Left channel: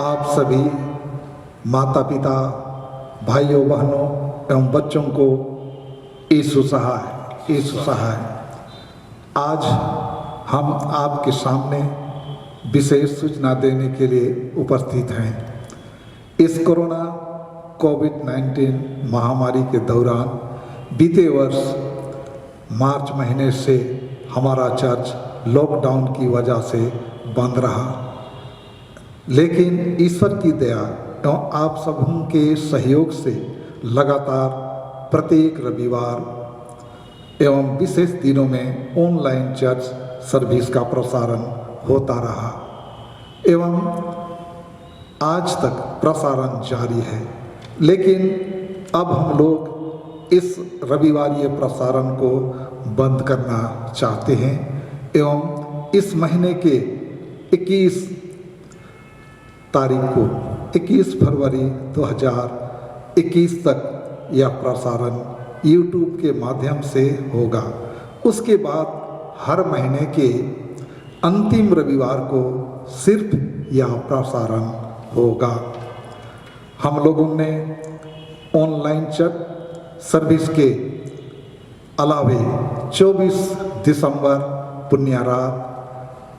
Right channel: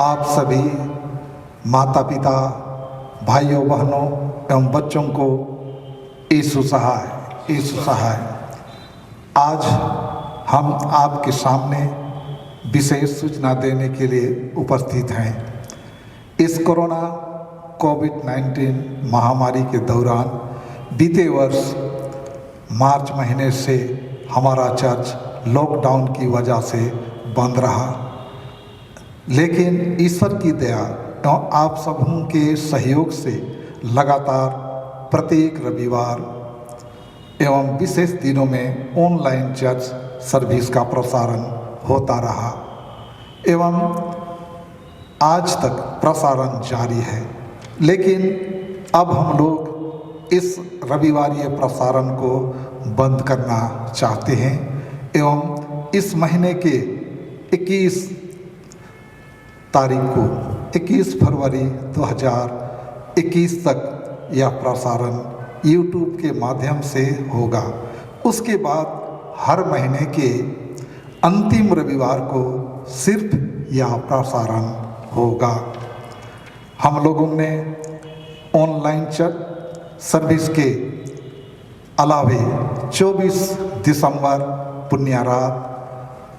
आप सभी माता पिता, भाइयों बहनों एवं बच्चों को यीशु सहाय। आज हम आपके सामने विशेष सूचना देने के लिए उपस्थित हैं। इस कोरोना कोविड-19 महामारी के दौरान बीते वर्ष मार्च महीने से हमारा चर्च लॉकडाउन की वजह से बंद रहा, लेकिन ईश्वर की दया एवं आप सबों के सहयोग से लगातार प्रत्येक रविवार एवं विशेष दिनों में ऑनलाइन चर्च सर्विस का प्रसारण होता रहा एवं आज तक प्रसारण जारी है। लेकिन अब हम लोग इस रविवारीय प्रसारण को बंद करना चाहते हैं एवं इस महीने के 21 तारीख को 21 फरवरी 2021 तक यह प्रसारण यूट्यूब के माध्यम से होगा। उसके बाद हर महीने के अंतिम रविवार को सिर्फ यह प्रसारण होगा। हम लोगों ने ऑनलाइन चर्च सर्विस के अलावे 24 दिसंबर पुण्य रात,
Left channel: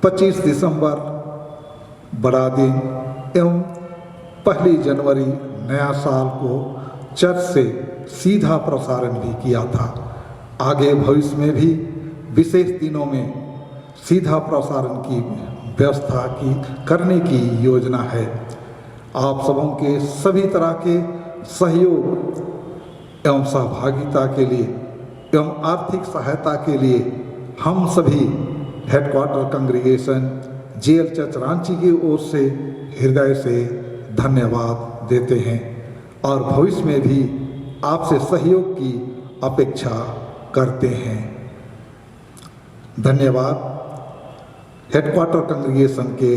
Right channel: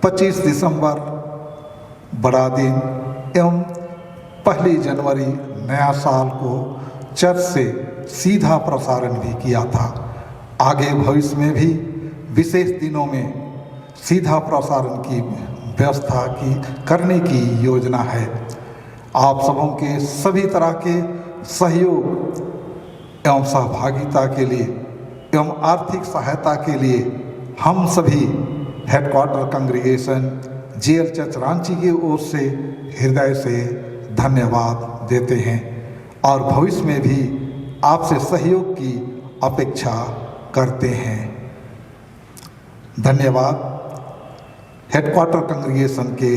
25 दिसंबर बड़ा दिन एवं 1 जनवरी नया साल को चर्च से सीधा प्रसारण भी किया था। आगे भविष्य में भी विशेष दिनों में सीधा प्रसारण की व्यवस्था करने की योजना है। आप सबों के सभी तरह के सहयोग एवं सहभागिता के लिए एवं आर्थिक सहायता के लिए हम सभी headquarter congregation GL church Ranchi की ओर से हृदय से धन्यवाद देते हैं और भविष्य में भी आपसे सहयोग की अपेक्षा करते हैं। धन्यवाद। हेडक्वार्टर कांग्रीगेशन के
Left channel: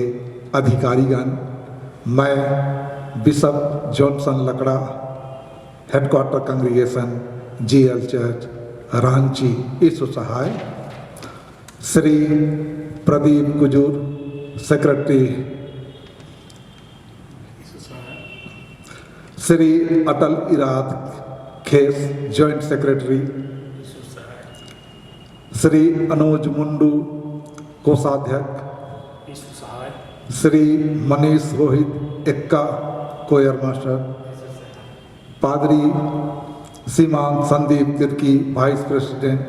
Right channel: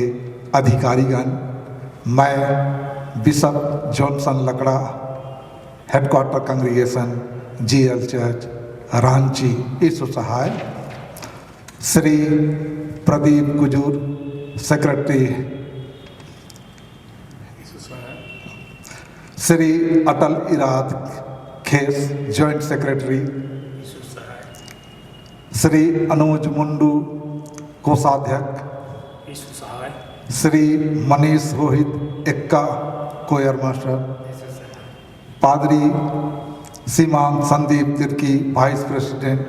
अधिकारीगण, मैं bishop Johnson Lakra, headquarter congregation GL church Ranchi Yishu Sahay, Shri Pradeep Kujur secretary, Shri Atal Irad Khes joint secretary, Shri Anuj Mundu कोषाध्यक्ष, श्री मनीष रोहित एक्का कोयर मास्टर, पादरी सीमान संदीप तिर्की वाइस प्रेसिडेंट,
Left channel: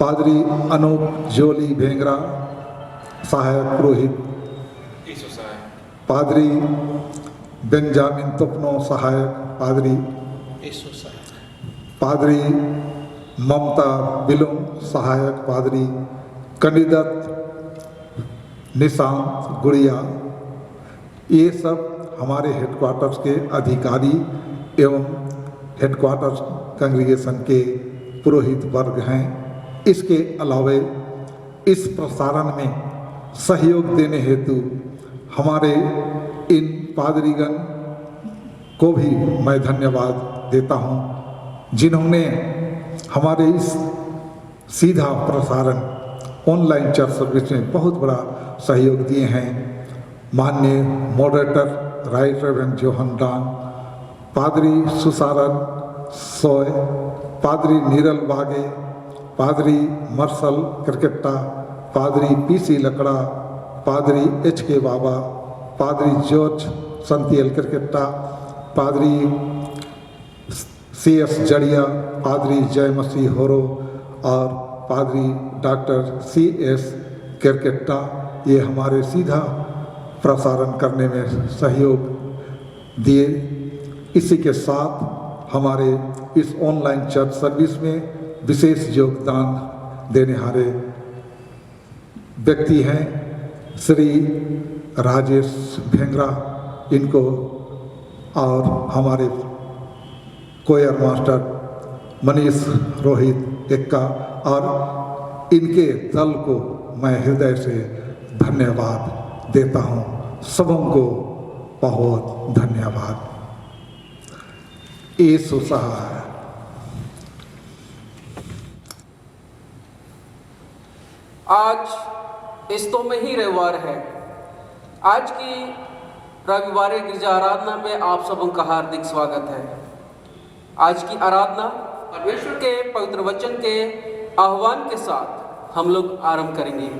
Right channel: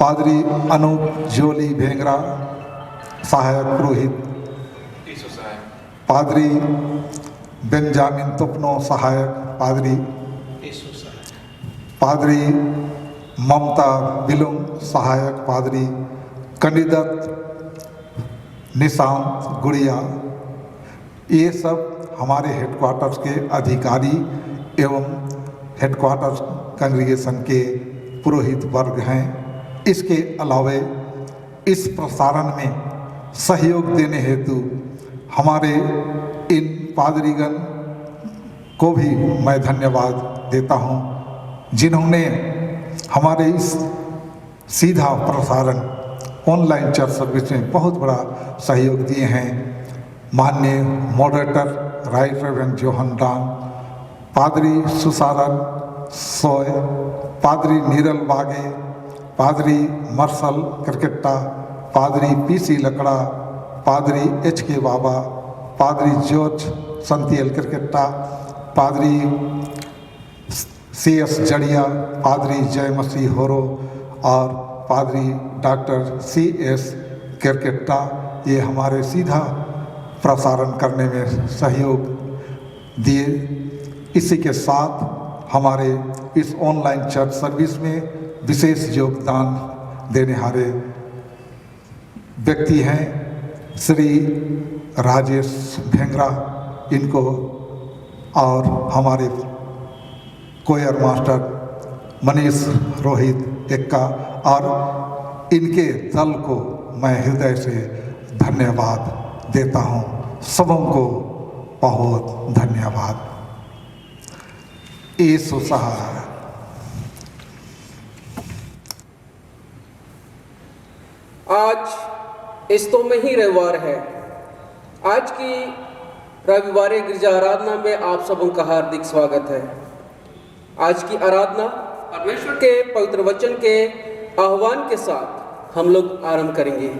पादरी अनूप जोली भेंगरा सहायक पुरोहित, पादरी बेंजामिन तुपनो सहायक पादरी, पादरी ममता बिलुम सहायक पादरी, कंडिदत निशांत गुड़िया, ये सब हमारे हेडक्वार्टर्स के अधिकारी एवं हेडक्वार्टर्स कांग्रीगेशन के पुरोहित वर्ग हैं। इसके अलावे इस प्रसारण में सहयोग देने हेतु हमारे इन पादरीगण को भी मैं धन्यवाद देता हूं, जिन्होंने हमारे इस सीधा प्रसारण ऑनलाइन चर्च सर्विस में बहुत बड़ा सहयोग दिए हैं। माननीय मॉडरेटर राइट रेवरेंड जोहन डांग, पादरी सुसारन सोय, पादरी नीरल वागे, पादरी मर्सल करकेट्टा, पादरी पीसी लकड़ा, पादरी एच.के. बाबा, पादरी जॉर्ज संतियल करकेट्टा, पादरी C.S. जड़िया, पादरी जय मसीह होरो और पादरी डॉक्टर C.S. करकेट्टा, ये हमारे सीधा प्रसारण करने में सहयोग दिए। इसी के साथ हमारे इस ऑनलाइन चर्च सर्विस में विशेष योगदान देने वाले व्यक्ति हैं श्री राजेश भेंगरा, इनको और हमारे कोयर मास्टर मनीष रोहित एक्का और इनके दल को मैं हृदय से धन्यवाद देता हूं। सबों को बहुत धन्यवाद। यीशु सहाय। आज इस तो में ही रविवार है। आज की रविवार गिरजा आराधना में आप सबों का हार्दिक स्वागत है। आज की आराधना परमेश्वर के पवित्र वचन के आह्वान के साथ हम लोग आरंभ करेंगे।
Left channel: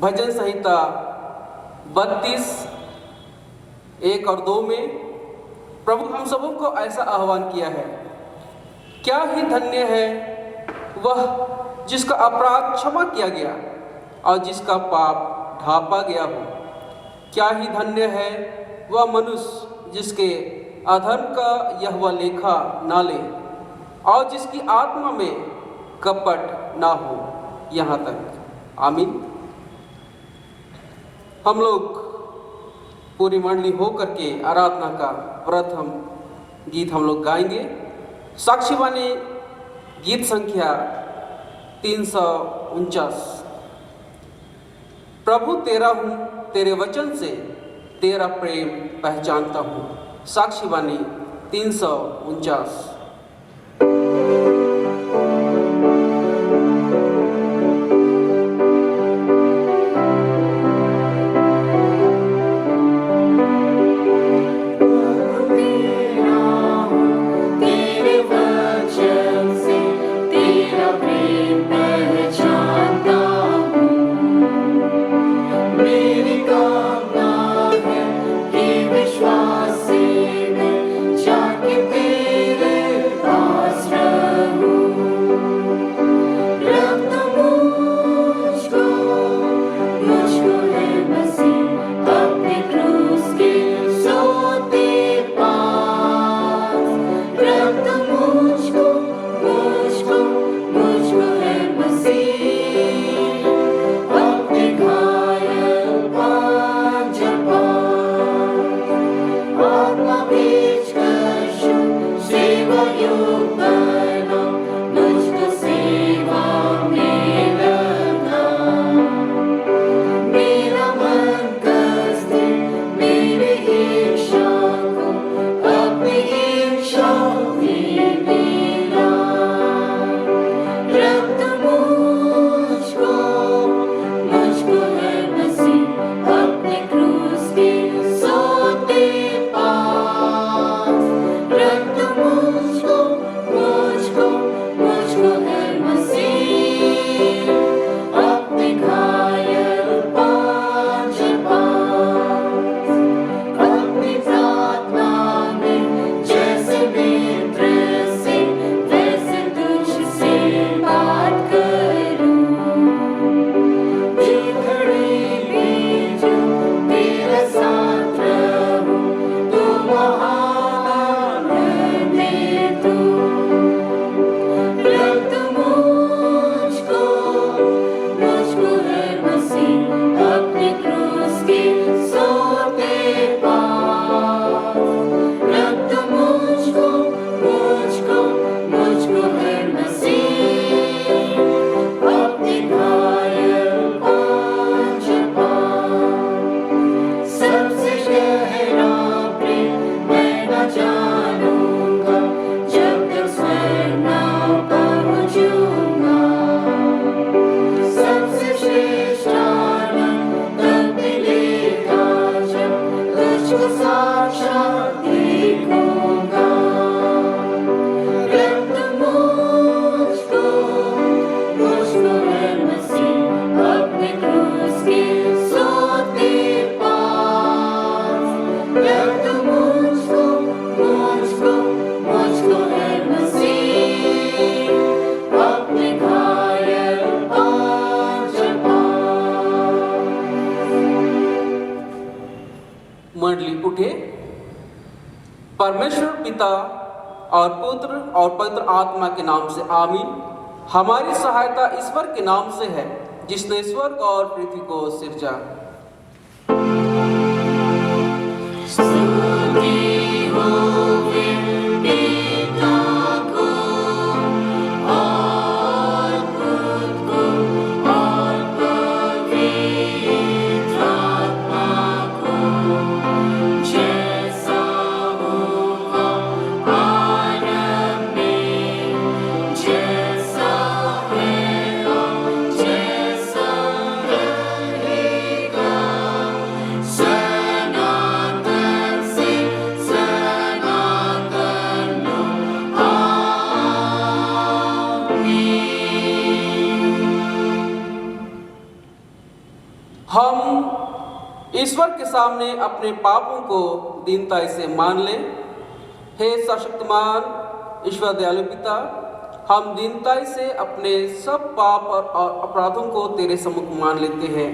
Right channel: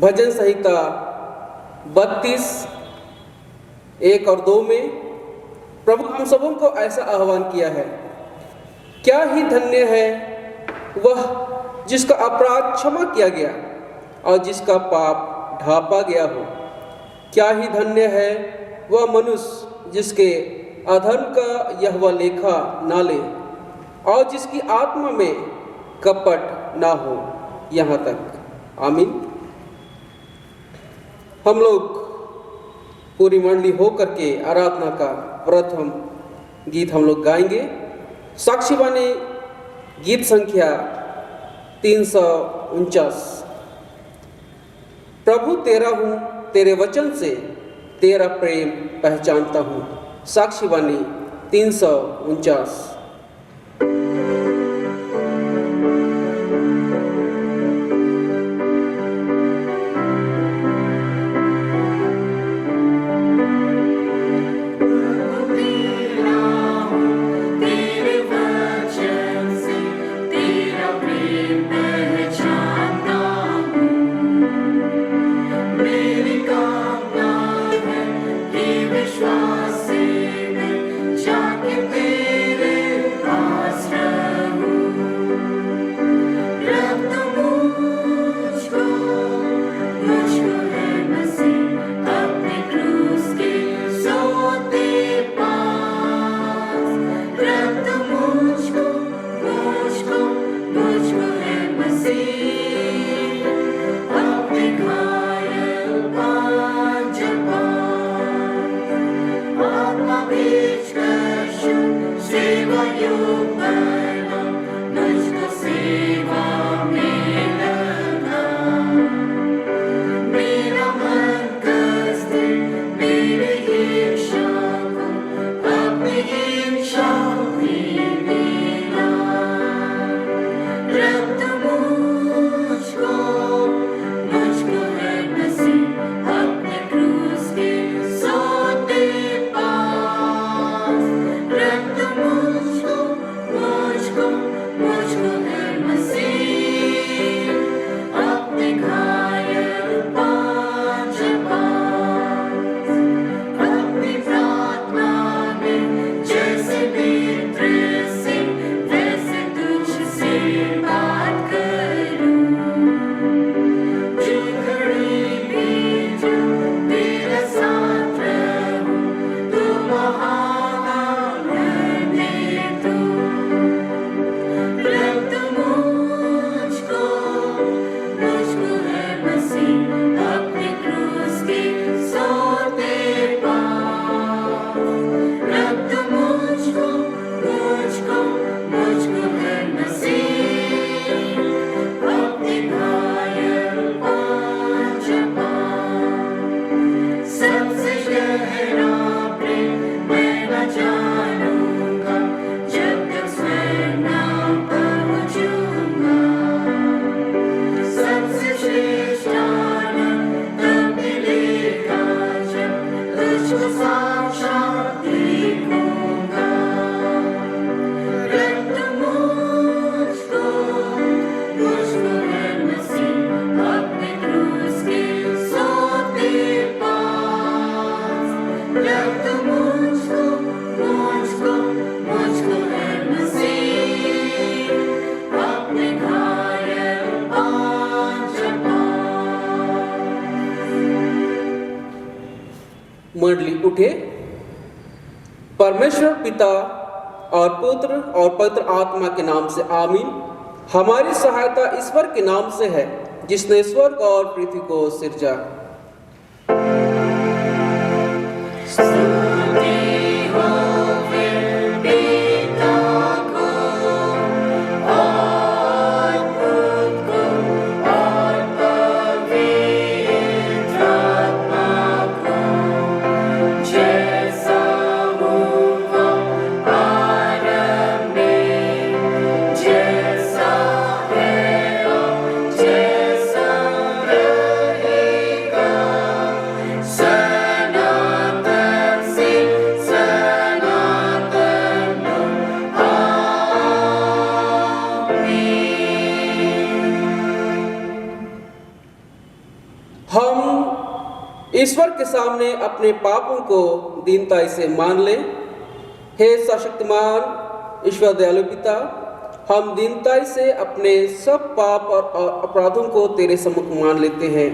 भजन संहिता 32 1 और 2 में प्रभु हम सबों को ऐसा आह्वान किया है, क्या ही धन्य है वह जिसका अपराध क्षमा किया गया और जिसका पाप ढांपा गया हो। क्या ही धन्य है वह मनुष्य जिसके अधर्म का यहोवा लेखा ना ले और जिसकी आत्मा में कपट ना हो। यहाँ तक आमीन। हम लोग पूरी मंडली हो करके आराधना का प्रथम गीत हम लोग गाएंगे। साक्षीवाणी गीत संख्या 349। प्रभु तेरा हूँ, तेरे वचन से तेरा प्रेम पहचानता हूँ। साक्षीवाणी 349। मंडली उठे। परमेश्वर पिता और पुत्र और पवित्र आत्मा के नाम से आमीन। हमारी सहायता ईश्वर के नाम से है जिसने स्वर्ग और पृथ्वी को सिरजा। जैसा रहेगा ईश्वर के सामने अपने पापों को दीनता से मान ले। हे सर्वशक्तिमान ईश्वर दयालु पिता, हम दीनता से अपने सब पाप और अपराधों को तेरे सम्मुख मान लेते हैं।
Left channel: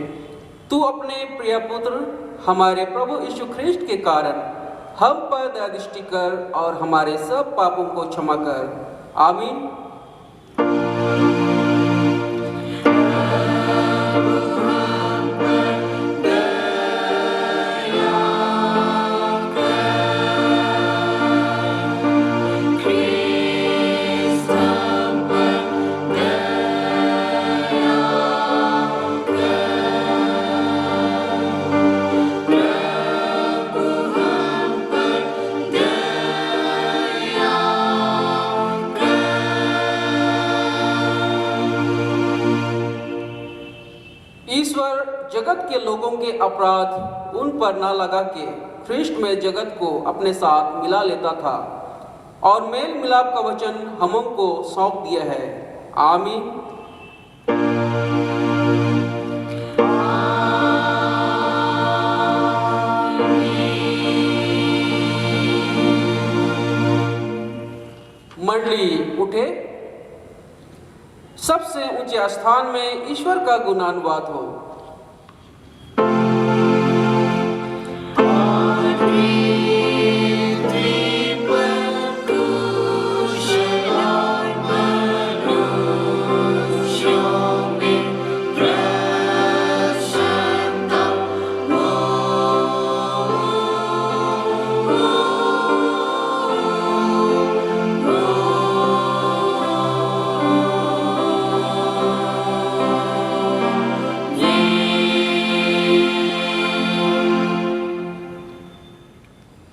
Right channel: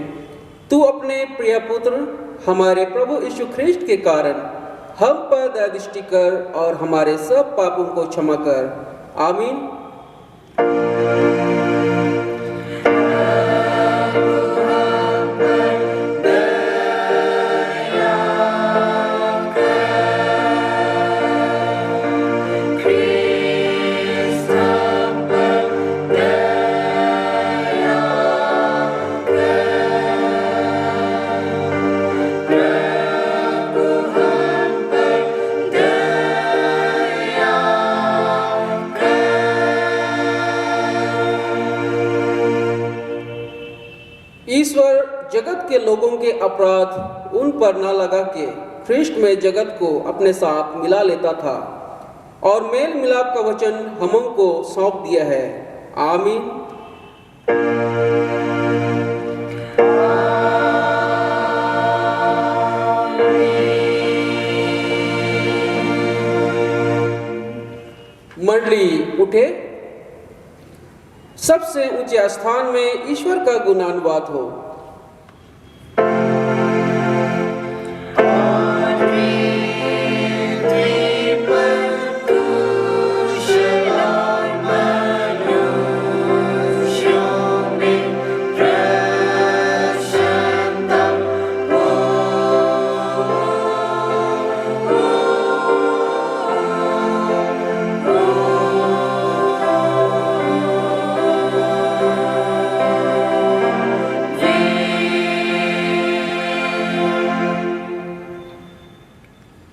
तू अपने प्रिय पुत्र हमारे प्रभु यीशु ख्रिस्ट के कारण हम पर दया दृष्टि कर और हमारे सब पापों को क्षमा कर। आमीन। ईश्वर जगत के लोगों के अपराध उन पर न लगा के ख्रिस्ट में जगत को अपने साथ मिला लेता था और मेल मिलाप का वचन हमों को सौंप दिया है। आमीन। मंडली उठे, सबसे ऊंचे स्थान में ईश्वर का गुणानुवाद हो।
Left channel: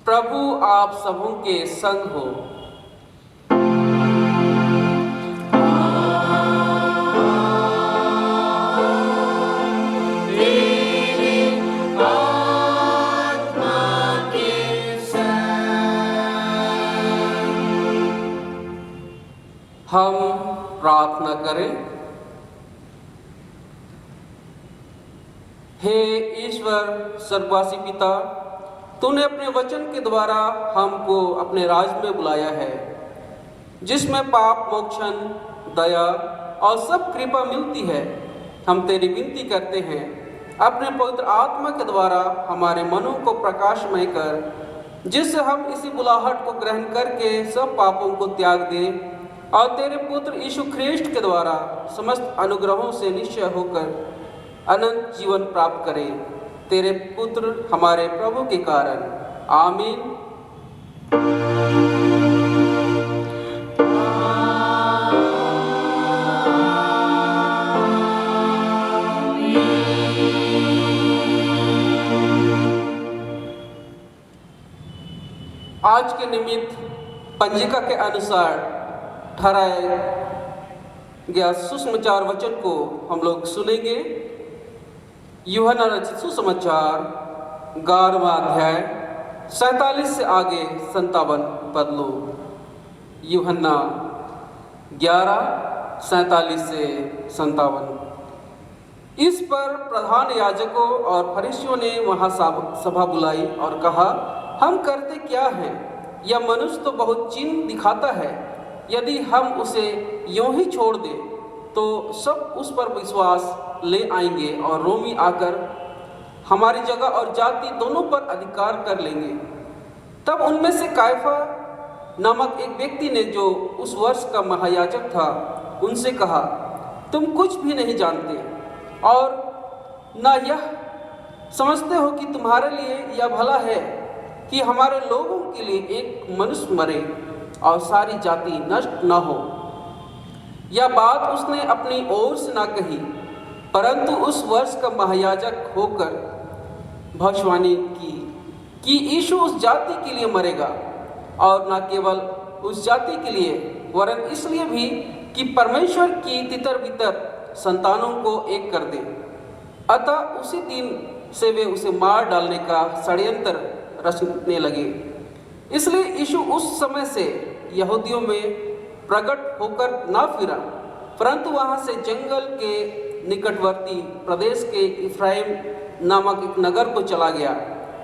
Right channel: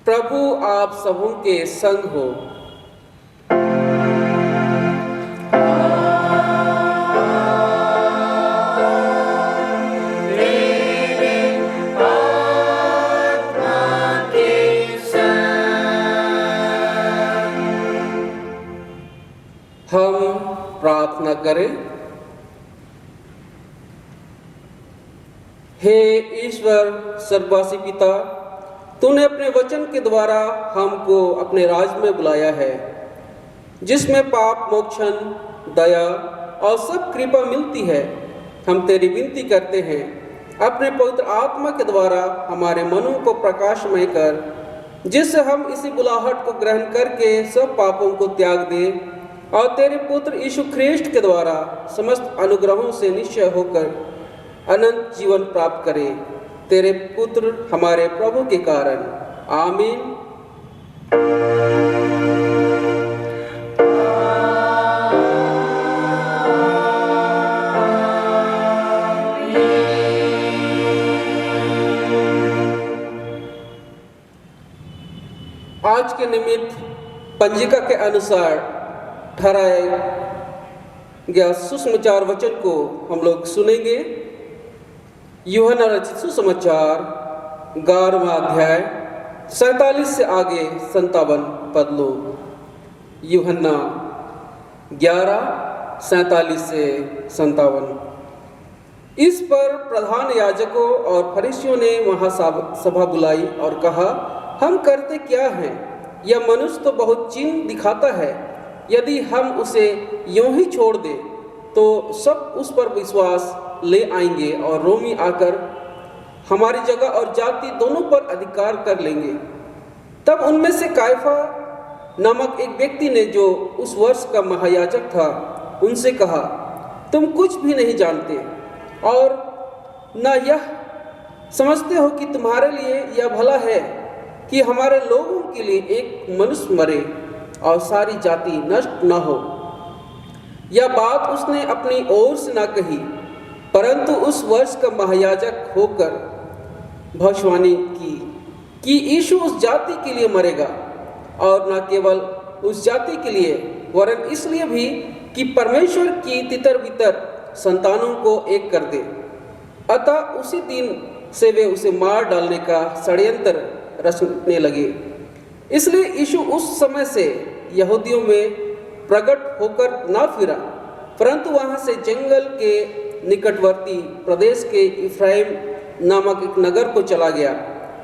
प्रभु आप सबों के संग हो। हम प्रार्थना करें। हे ईश्वर सर्ववासी पिता, तूने अपने वचन के द्वारा हमको अपने राज में बुलाया है, जिसमें पाप मोक्षण, दया और सब कृपा मिलती है। हम तेरी विनती करते हैं, अपने पवित्र आत्मा के द्वारा हमारे मनों को प्रकाशमय कर, जिससे हम इसी बुलाहट को ग्रहण करके सब पापों को त्याग दें और तेरे पुत्र यीशु ख्रिस्ट के द्वारा समस्त अनुग्रहों से निश्चय होकर अनंत जीवन प्राप्त करें। तेरे पुत्र हमारे प्रभु के कारण। आमीन। आज के निमित्त पंजिका के अनुसार ठहराया गया सुसमाचार वचन को हम लोग सुनेंगे। यूहन्ना रचित सुसमाचार 11वां अध्याय 47 से आगे 57 पद लो। यूहन्ना 11:47 से 57। इस पर प्रधान याजकों और फरीसियों ने वहां सभा बुलाई और कहा, हम करते क्या हैं? यह मनुष्य तो बहुत चिन्ह दिखाता है। यदि हम उसे यूं ही छोड़ दें तो सब उस पर विश्वास ले आएंगे और रोमी आकर हमारी जगह और जाति दोनों पर अधिकार कर लेंगे। तब उनमें से कायफा नामक एक व्यक्ति ने, जो उस वर्ष का महायाजक था, उनसे कहा, तुम कुछ भी नहीं जानते और न यह समझते हो कि तुम्हारे लिए यह भला है कि हमारे लोगों के लिए एक मनुष्य मरे और सारी जाति नष्ट न हो। यह बात उसने अपनी ओर से न कही, परंतु उस वर्ष का महायाजक होकर भविष्यवाणी की कि यीशु उस जाति के लिए मरेगा, और न केवल उस जाति के लिए वरन इसलिए भी कि परमेश्वर की तितर बितर संतानों को एक कर दे। अतः उसी दिन से वे उसे मार डालने का षड्यंत्र रचने लगे। इसलिए यीशु उस समय से यहूदियों में प्रकट होकर न फिरा, परंतु वहां से जंगल के निकटवर्ती प्रदेश के इफ्राइम नामक एक नगर को चला गया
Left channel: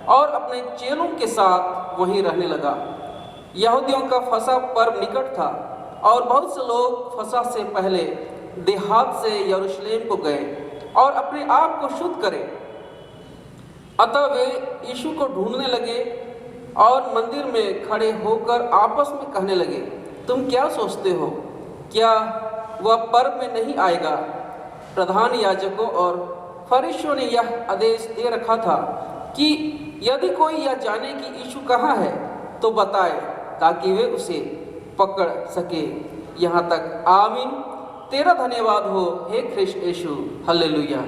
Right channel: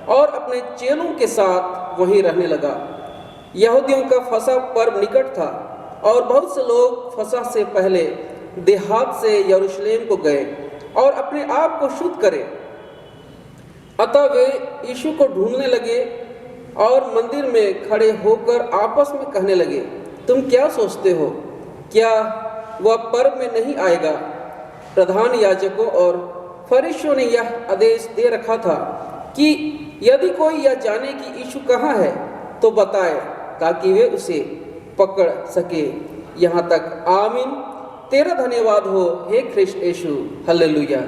और अपने चेलों के साथ वहीं रहने लगा। यहूदियों का फसह पर्व निकट था और बहुत से लोग फसह से पहले देहात से यरूशलेम को गए और अपने आप को शुद्ध करें। अतः वे यीशु को ढूंढने लगे और मंदिर में खड़े होकर आपस में कहने लगे, तुम क्या सोचते हो, क्या वह पर्व में नहीं आएगा? प्रधान याजकों और फरीसियों ने यह आदेश दे रखा था कि यदि कोई यह जाने कि यीशु कहाँ है तो बताए, ताकि वे उसे पकड़ सके। यहाँ तक आमीन। तेरा धन्यवाद हो हे ख्रिस्त यीशु। हालेलुया।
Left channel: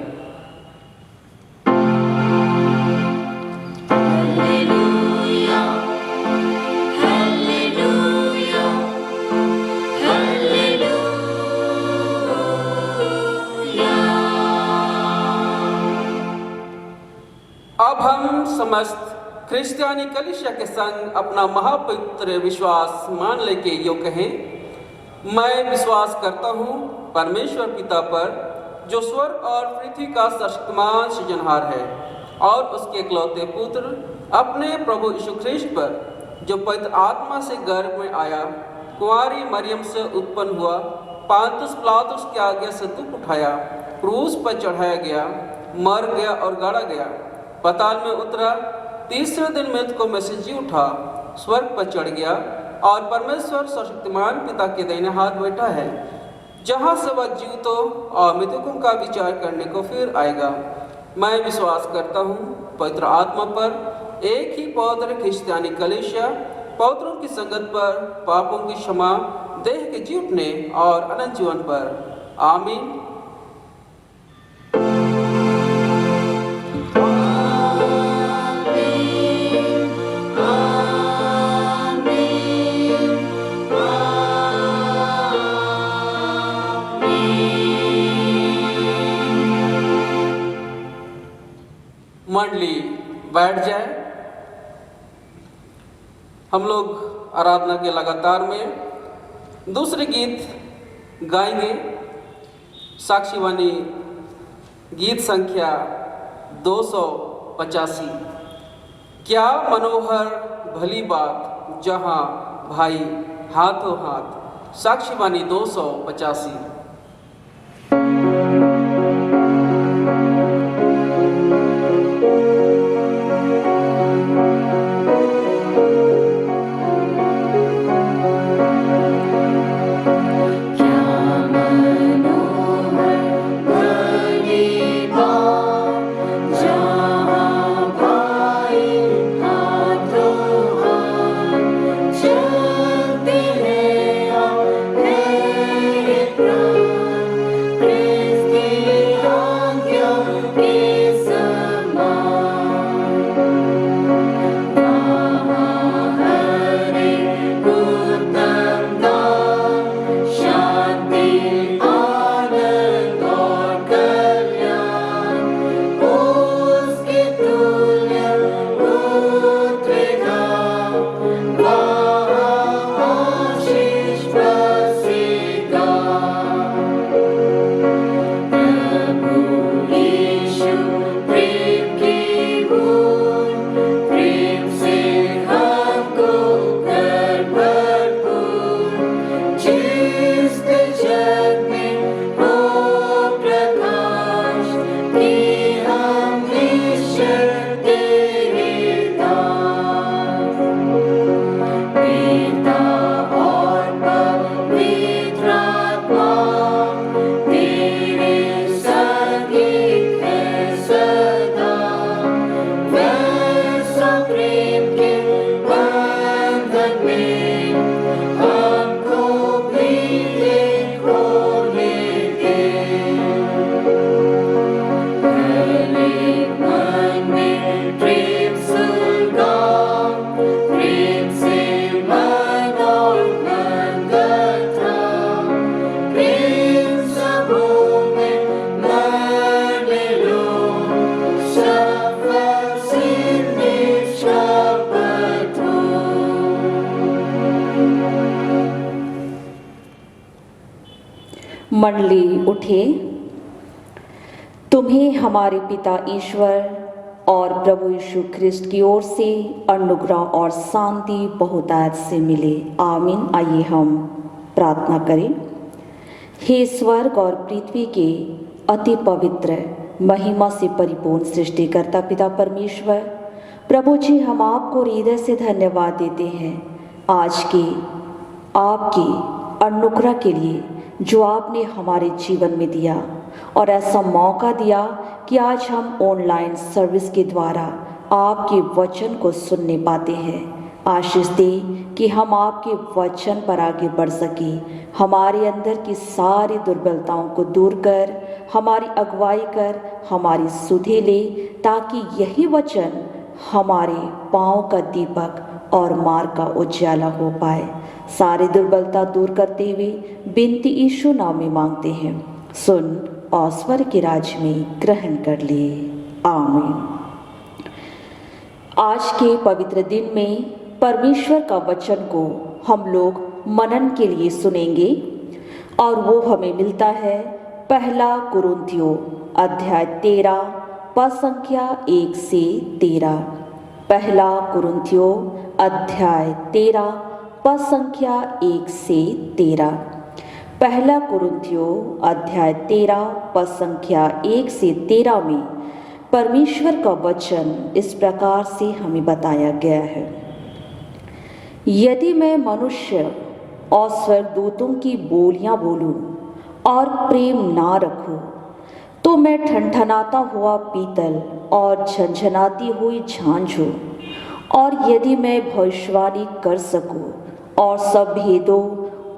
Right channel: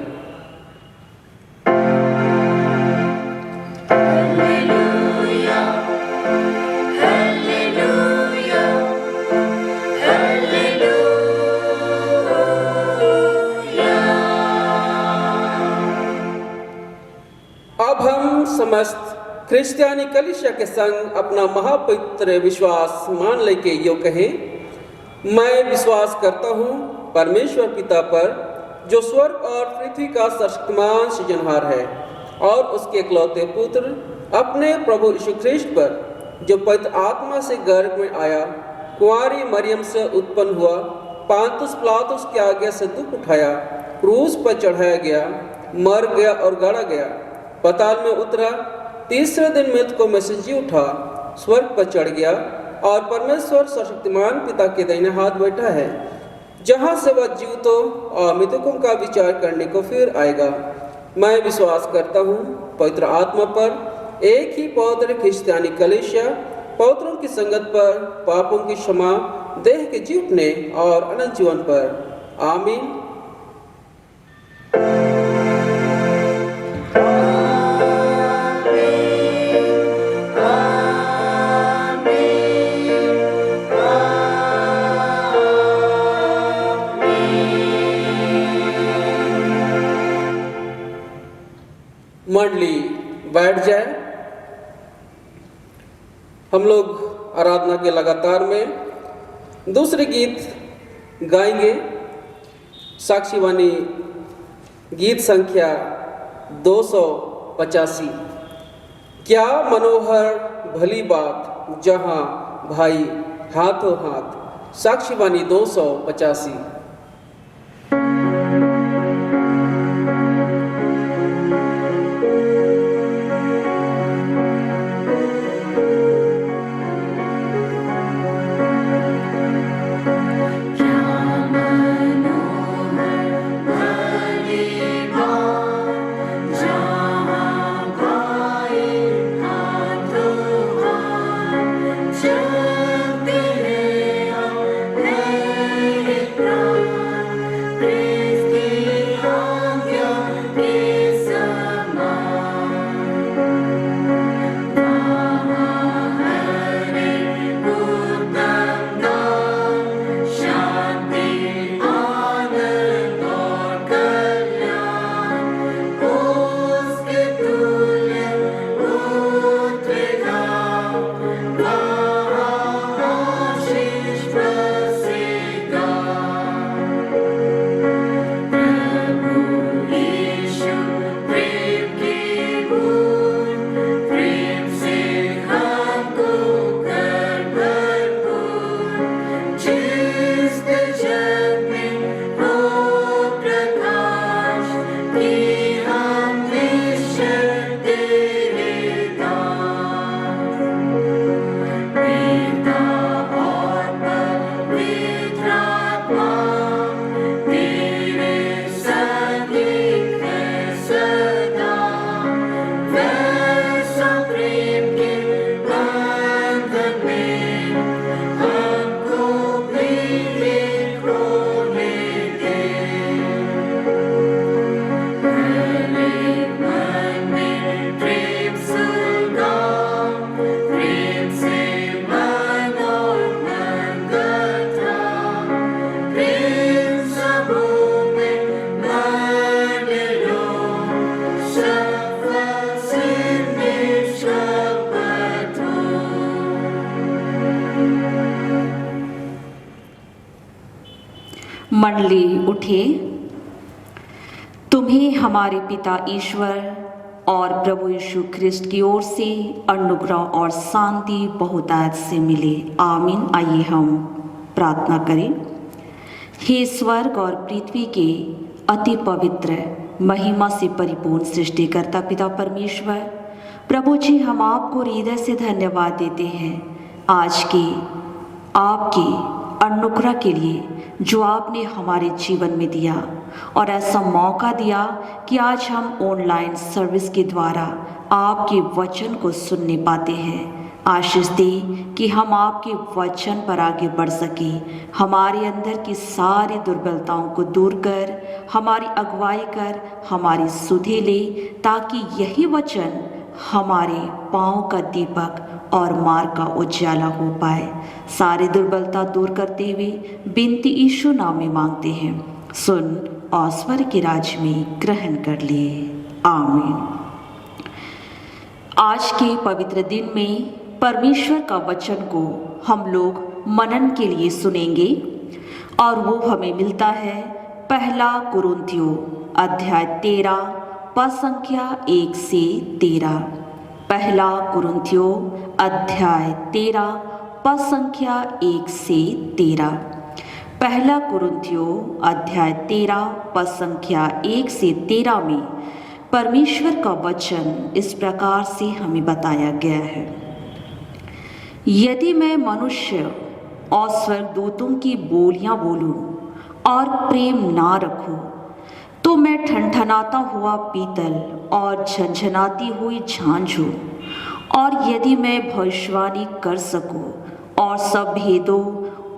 अब हम समस्त क्रिश्चियानी कलीसिया के संग अपना महापवित्र विश्वास मान लेके यो कहें, मैं विश्वास करता हूँ परमेश्वर पिता पर, जो स्वर्ग और पृथ्वी का सर्वशक्तिमान सृजनहार है, और उसके इकलौते पुत्र अपने प्रभु यीशु ख्रिस्त पर, जो पवित्र आत्मा से गर्भ में आया, कुंवारी मरियम से उत्पन्न हुआ, पांतुस पिलातुस की आज्ञा से दुख उठाया, क्रूस पर चढ़ाया गया, मर गया और गाड़ा गया, पाताल में उतरा, तीसरे दिन मृतकों में से जी उठा, स्वर्ग पर चढ़ गया और परमेश्वर सर्वशक्तिमान पिता के दाहिने हाथ बैठा है, जहाँ से वह जीवितों और मृतकों का विचार करने को फिर आएगा। मैं विश्वास करता हूँ पवित्र आत्मा पर, एक ही पवित्र क्रिश्चियानी कलीसिया, पवित्रों की संगत पर, पापों की क्षमा, देह के जी उठने और अनंत जीवन पर। आमीन। मंडली बैठ जाए। हम लोग आराधना के लगातार में दूसरे गीत गाएंगे। साक्षीवाणी गीत संख्या 285। क्या मनोहर भली बात जहां भाई हाथों हाथ। साक्षीवाणी 285। मंडली उठिए। तुम्हें हमारे पिता ईश्वर और प्रभु यीशु ख्रिस्ट की ओर से अनुग्रह और शांति बहुतायत से मिले। आमीन। आइए हम प्रार्थना करें। हे स्वर्ग और पृथ्वी के अति पवित्र महिमा से परिपूर्ण सृष्टिकर्ता पिता परमेश्वर, प्रभु जी, हम आपको हृदय से धन्यवाद देते हैं आज की आपकी अनुग्रह के लिए जो आपने हमारे जीवन में दिया और ऐसा मौका दिया कि आज हम ऑनलाइन सर्विस के द्वारा आपके वचन को सुनने पाते हैं। आशीष दे कि हम आपके वचन पर आगे बढ़ सके, हमारे अंदर की सारी दुर्बलताओं को दूर कर, हमारी अगुवाई कर, हमारी सुधे ले, ताकि यही वचन हमारे पाँव का दीपक और मार्ग का उजाला हो पाए। सारी दुर्बलता दूर करते हुए बिनती यीशु नाम में मांगते हैं, सुन और स्वर्ग के राज्य में ग्रहण कर लिए। आमीन। आज के पवित्र दिन में परमेश्वर का वचन को हम लोग मनन के लिए सुनेंगे और वो हमें मिलता है पहला कुरिन्थियों अध्याय 13 पद संख्या 1 से 13। पहला कुरिन्थियों अध्याय 13 पद संख्या 1 से 13। पहला कुरिन्थियों अध्याय 13 पद संख्या 1 से 13 में परमेश्वर का वचन इस प्रकार से हमें बताया गया है। यदि मैं मनुष्य और स्वर्गदूतों की बोलियां बोलूं और प्रेम ना रखूं, तो मैं ठनठनाता हुआ पीतल और झनझनाती हुई झांझ हूं। और यदि मैं भविष्यवाणी कर सकूं और सब भेदों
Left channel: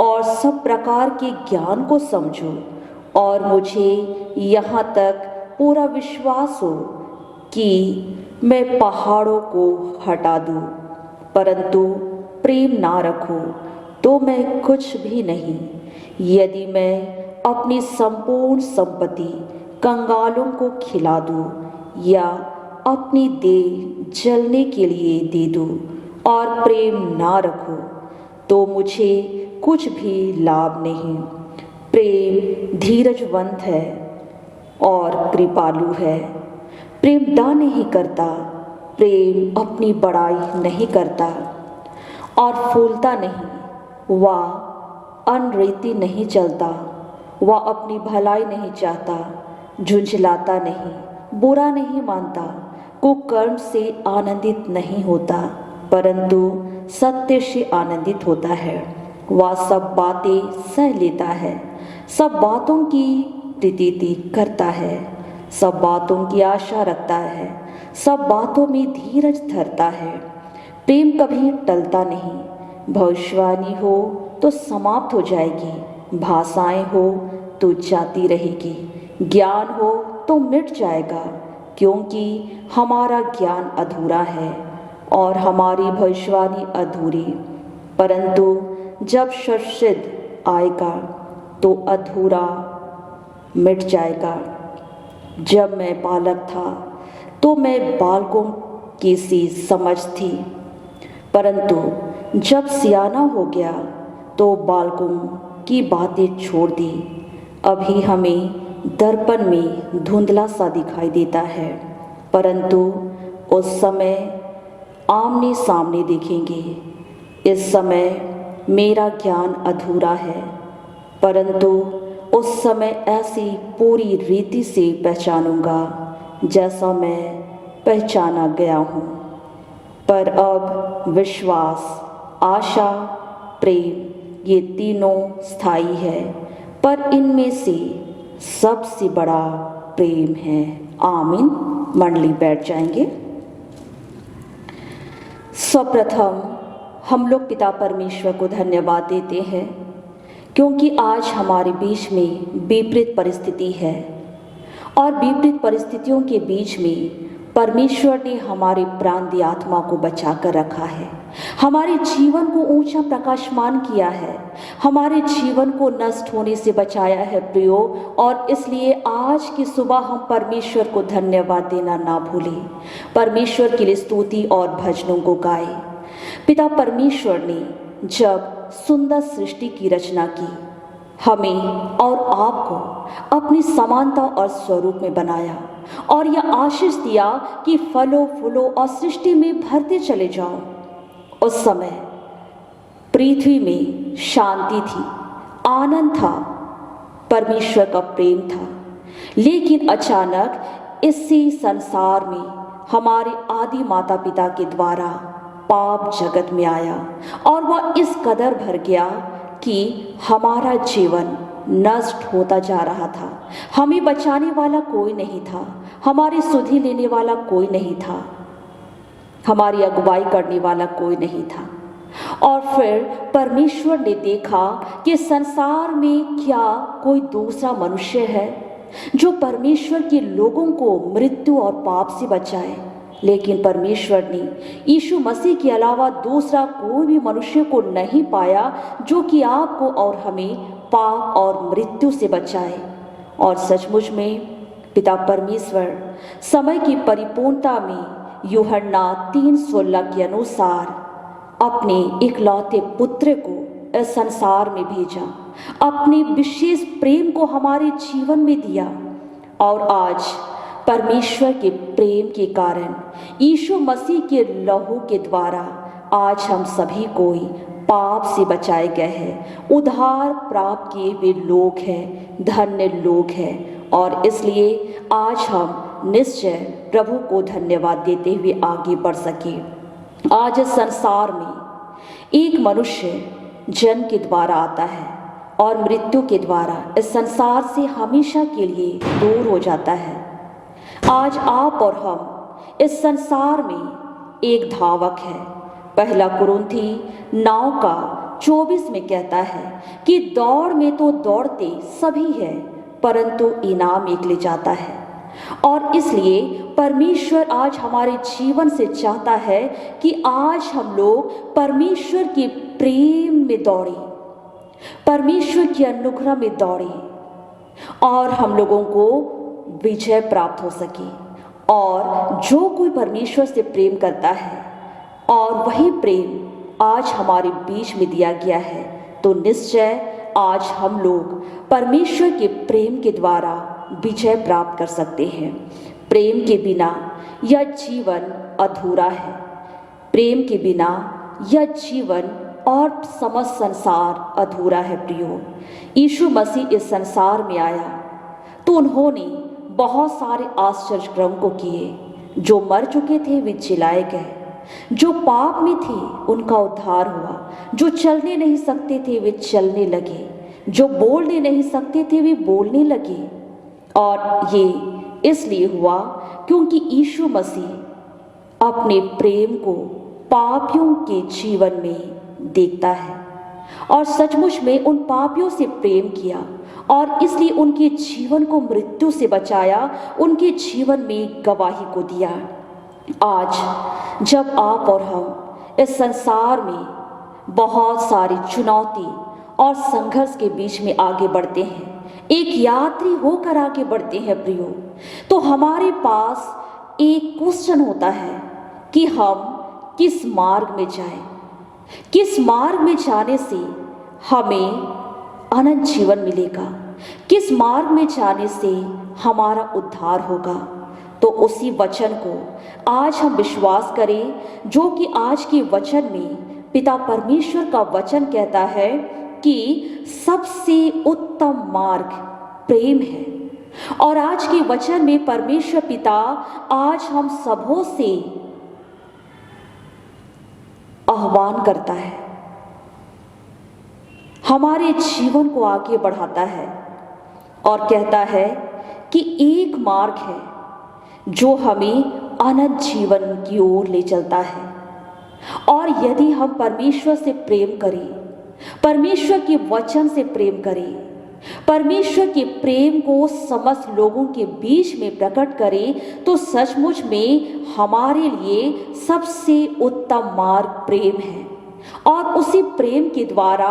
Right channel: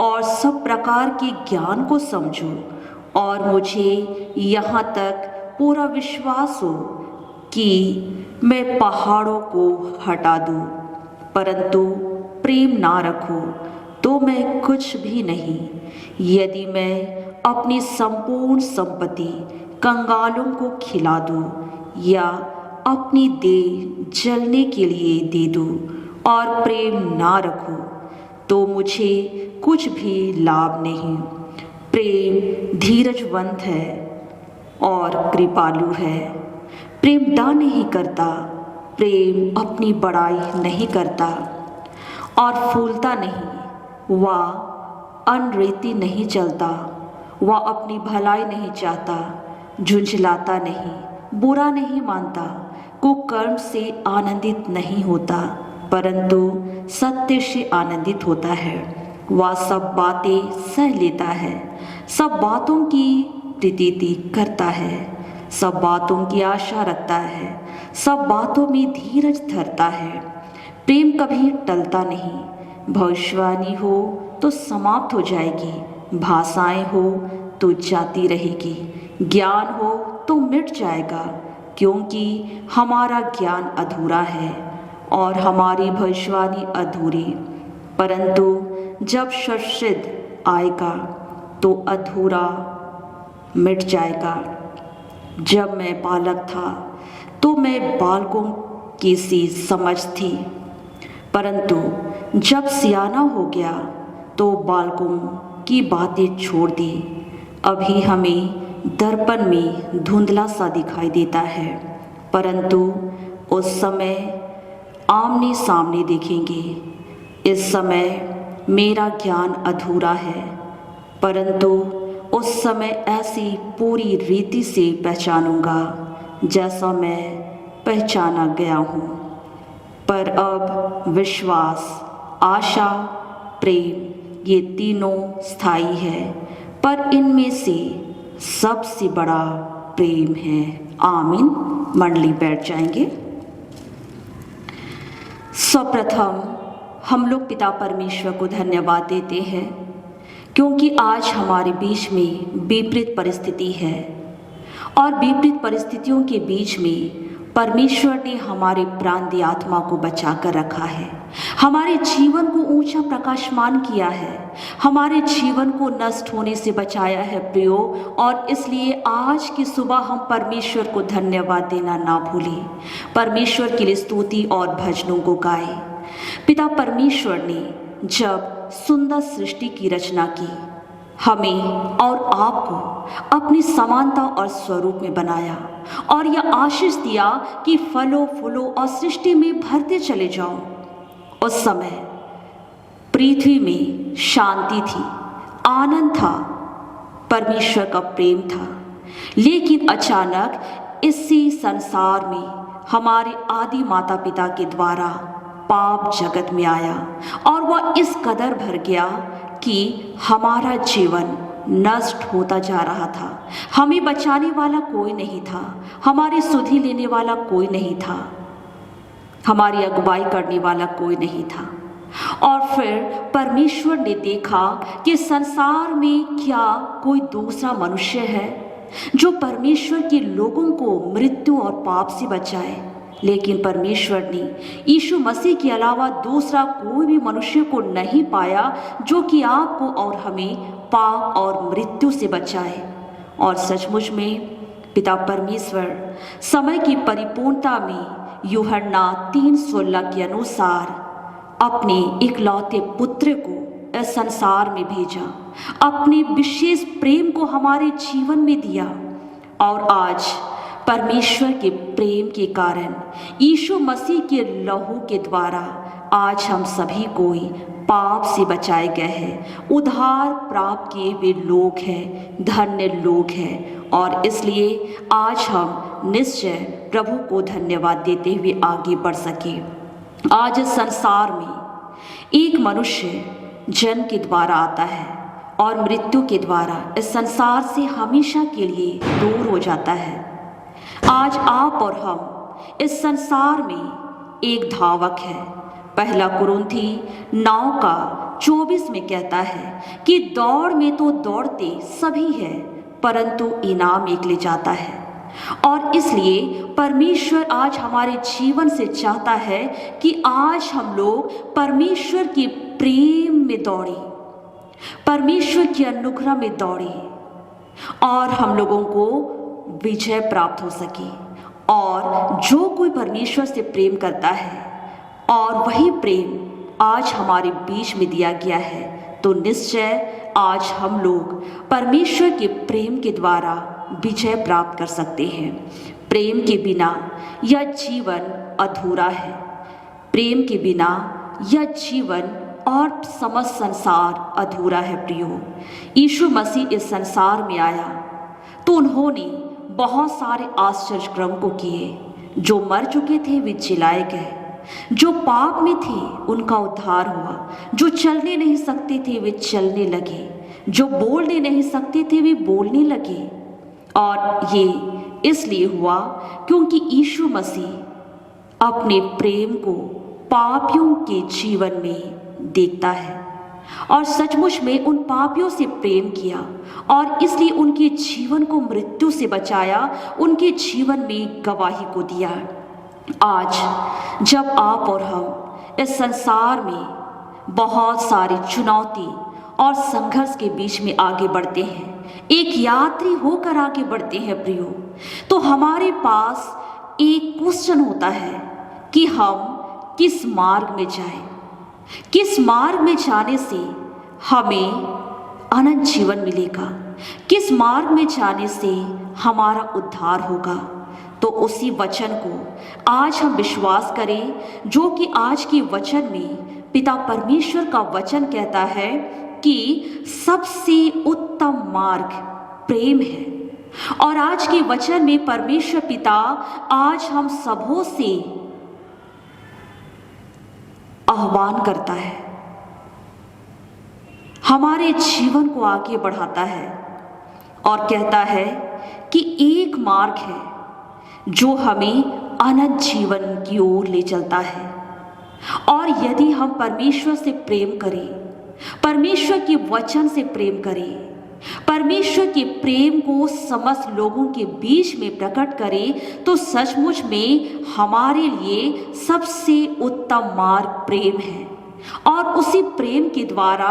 और सब प्रकार के ज्ञान को समझूं, और मुझे यहाँ तक पूरा विश्वास हो कि मैं पहाड़ों को हटा दूं, परंतु प्रेम ना रखूं तो मैं कुछ भी नहीं। यदि मैं अपनी संपूर्ण संपत्ति कंगालों को खिला दूं या अपनी देह जलने के लिए दे दूं और प्रेम ना रखूं तो मुझे कुछ भी लाभ नहीं। प्रेम धीरजवंत है और कृपालु है। प्रेम दान नहीं करता, प्रेम अपनी बड़ाई नहीं करता और फूलता नहीं, वह अनरेती नहीं चलता, वह अपनी भलाई नहीं चाहता, झुंझलाता नहीं, बुरा नहीं मानता, कुकर्म से आनंदित नहीं होता, परंतु सत्य से आनंदित होता है। वह सब बातें सह लेता है, सब बातों की प्रीति करता है, सब बातों की आशा रखता है, सब बातों में धीरज धरता है। प्रेम कभी टलता नहीं। भविष्यवाणी हो तो समाप्त हो जाएगी, भाषाएं हो तो जाती रहेगी, ज्ञान हो तो मिट जाएगा, क्योंकि हमारा ज्ञान अधूरा है और हमारी भविष्यवाणी अधूरी। परंतु जब सत्सिद्ध आएगा तो अधूरा मिट जाएगा। जब मैं बालक था तो मैं बालकों की सी समझ थी, परंतु जब सियाना हो गया तो बालकों की बातें छोड़ दी। अभी हमें दर्पण में धुंधला सा दिखाई देता है, परंतु उस समय आमने सामने देखेंगे। इस समय मेरा ज्ञान अधूरा है, परंतु उस समय ऐसी पूरी रीति से पहचानूंगा जैसा मैं पहचाना गया हूँ। पर अब विश्वास, आशा, प्रेम ये तीनों स्थायी है, पर इनमें से सबसे बड़ा प्रेम है। आमीन। मंडली बैठ जाएंगे। सर्वप्रथम हम लोग पिता परमेश्वर को धन्यवाद देते हैं, क्योंकि आज हमारे बीच में विपरीत परिस्थिति है और विपरीत परिस्थितियों के बीच में परमेश्वर ने हमारे प्राणदी आत्मा को बचा कर रखा है, हमारे जीवन को ऊंचा प्रकाशमान किया है, हमारे जीवन को नष्ट होने से बचाया है प्रियो। और इसलिए आज की सुबह हम परमेश्वर को धन्यवाद देना ना भूलें, परमेश्वर के लिए स्तुति और भजनों को गाए। पिता परमेश्वर ने जब सुंदर सृष्टि की रचना की हमें और आपको अपनी समानता और स्वरूप में बनाया और यह आशीष दिया कि फलो फूलो और सृष्टि में भरते चले जाओ। उस समय पृथ्वी में शांति थी, आनंद था, परमेश्वर का प्रेम था। लेकिन अचानक इसी संसार में हमारे आदि माता पिता के द्वारा पाप जगत में आया और वह इस कदर भर गया कि हमारा जीवन नष्ट होता जा रहा था। हमें बचाने वाला कोई नहीं था, हमारी सुधि लेने वाला कोई नहीं था, हमारी अगुवाई करने वाला कोई नहीं था। और फिर परमेश्वर ने देखा कि संसार में क्या कोई दूसरा मनुष्य है जो परमेश्वर के लोगों को मृत्यु और पाप से बचाए। लेकिन परमेश्वर ने यीशु मसीह के अलावा दूसरा कोई भी मनुष्य को नहीं पाया जो कि आपको और हमें पाप और मृत्यु से बचाए। और सचमुच में पिता परमेश्वर समय की परिपूर्णता में यूहन्ना 3:16 के अनुसार अपने इकलौते पुत्र को इस संसार में भेजा, अपने विशेष प्रेम को हमारे जीवन में दिया। और आज परमेश्वर के प्रेम के कारण यीशु मसीह के लहू के द्वारा आज हम सभी कोई पाप से बचाए गए हैं, उद्धार प्राप्त किए हुए लोग हैं, धन्य लोग हैं। और इसलिए आज हम निश्चय प्रभु को धन्यवाद देते हुए आगे बढ़ सके। आज इस संसार में एक मनुष्य जन्म के द्वारा आता है और मृत्यु के द्वारा इस संसार से हमेशा के लिए दूर हो जाता है। आज आप और हम इस संसार में एक धावक है। पहला कुरिन्थी 9:24 में कहता है कि दौड़ में तो दौड़ते सभी है, परंतु इनाम एक ले जाता है। और इसलिए परमेश्वर आज हमारे जीवन से चाहता है कि आज हम लोग परमेश्वर के प्रेम में दौड़े, परमेश्वर के अनुग्रह में दौड़े और हम लोगों को विजय प्राप्त हो सके। और जो कोई परमेश्वर से प्रेम करता है और वही प्रेम आज हमारे बीच में दिया गया है, तो निश्चय आज हम लोग परमेश्वर के प्रेम के द्वारा विजय प्राप्त कर सकते हैं। प्रेम के बिना यह जीवन अधूरा है। प्रेम के बिना यह जीवन और समस्त संसार अधूरा है। प्रियो, यीशु मसीह इस संसार में आया तो उन्होंने बहुत सारे आश्चर्य कर्म को किए। जो मर चुके थे वे जिलाए गए, जो पाप में थे उनका उद्धार हुआ, जो चलने नहीं सकते थे वे चलने लगे, जो बोलने नहीं सकते थे वे बोलने लगे। और ये इसलिए हुआ क्योंकि यीशु मसीह अपने प्रेम को पापियों के जीवन में देखता है और सचमुच में उन पापियों से प्रेम किया और इसलिए उनके जीवन को मृत्यु से बचाया, उनके जीवन में गवाही को दिया। आज जब आप और हम इस संसार में बहुत सारी चुनौती और संघर्ष के बीच में आगे बढ़ते हैं, एक यात्री होकर आगे बढ़ते हैं प्रियो, तो हमारे पास एक क्वेश्चन होता है कि हम किस मार्ग में जाएं, किस मार्ग में जाने से हमें अनंत जीवन मिलेगा, किस मार्ग में जाने से हमारा उद्धार होगा। तो उसी वचन को आज हम विश्वास करें जो कि आज के वचन में पिता परमेश्वर का वचन कहता है कि सबसे उत्तम मार्ग प्रेम है। और आज के वचन में परमेश्वर पिता आज हम सबों से आह्वान करता है, हमारे जीवन को आगे बढ़ाता है और कहता है कि एक मार्ग है जो हमें अनंत जीवन की ओर ले चलता है। और यदि हम परमेश्वर से प्रेम करें, परमेश्वर के वचन से प्रेम करें, परमेश्वर के प्रेम को समस्त लोगों के बीच में प्रकट करें, तो सचमुच में हमारे लिए सबसे उत्तम मार्ग प्रेम है। और उसी प्रेम के द्वारा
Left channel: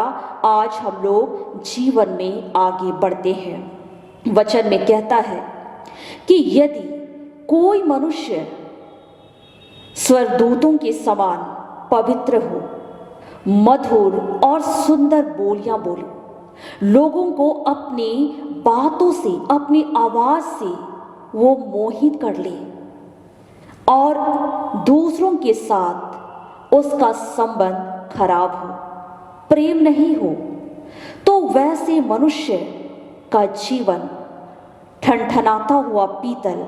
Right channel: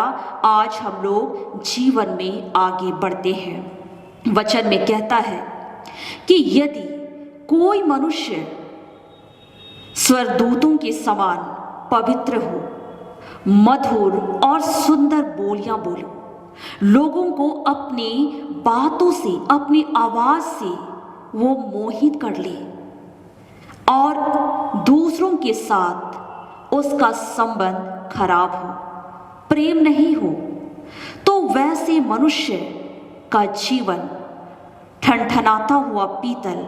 आज हम लोग जीवन में आगे बढ़ते हैं। वचन में कहता है कि यदि कोई मनुष्य स्वर्गदूतों के समान पवित्र हो, मधुर और सुंदर बोलियां बोले, लोगों को अपनी बातों से, अपनी आवाज से वो मोहित कर ले और दूसरों के साथ उसका संबंध खराब हो, प्रेम नहीं हो, तो वैसे मनुष्य का जीवन ठनठनाता हुआ पीतल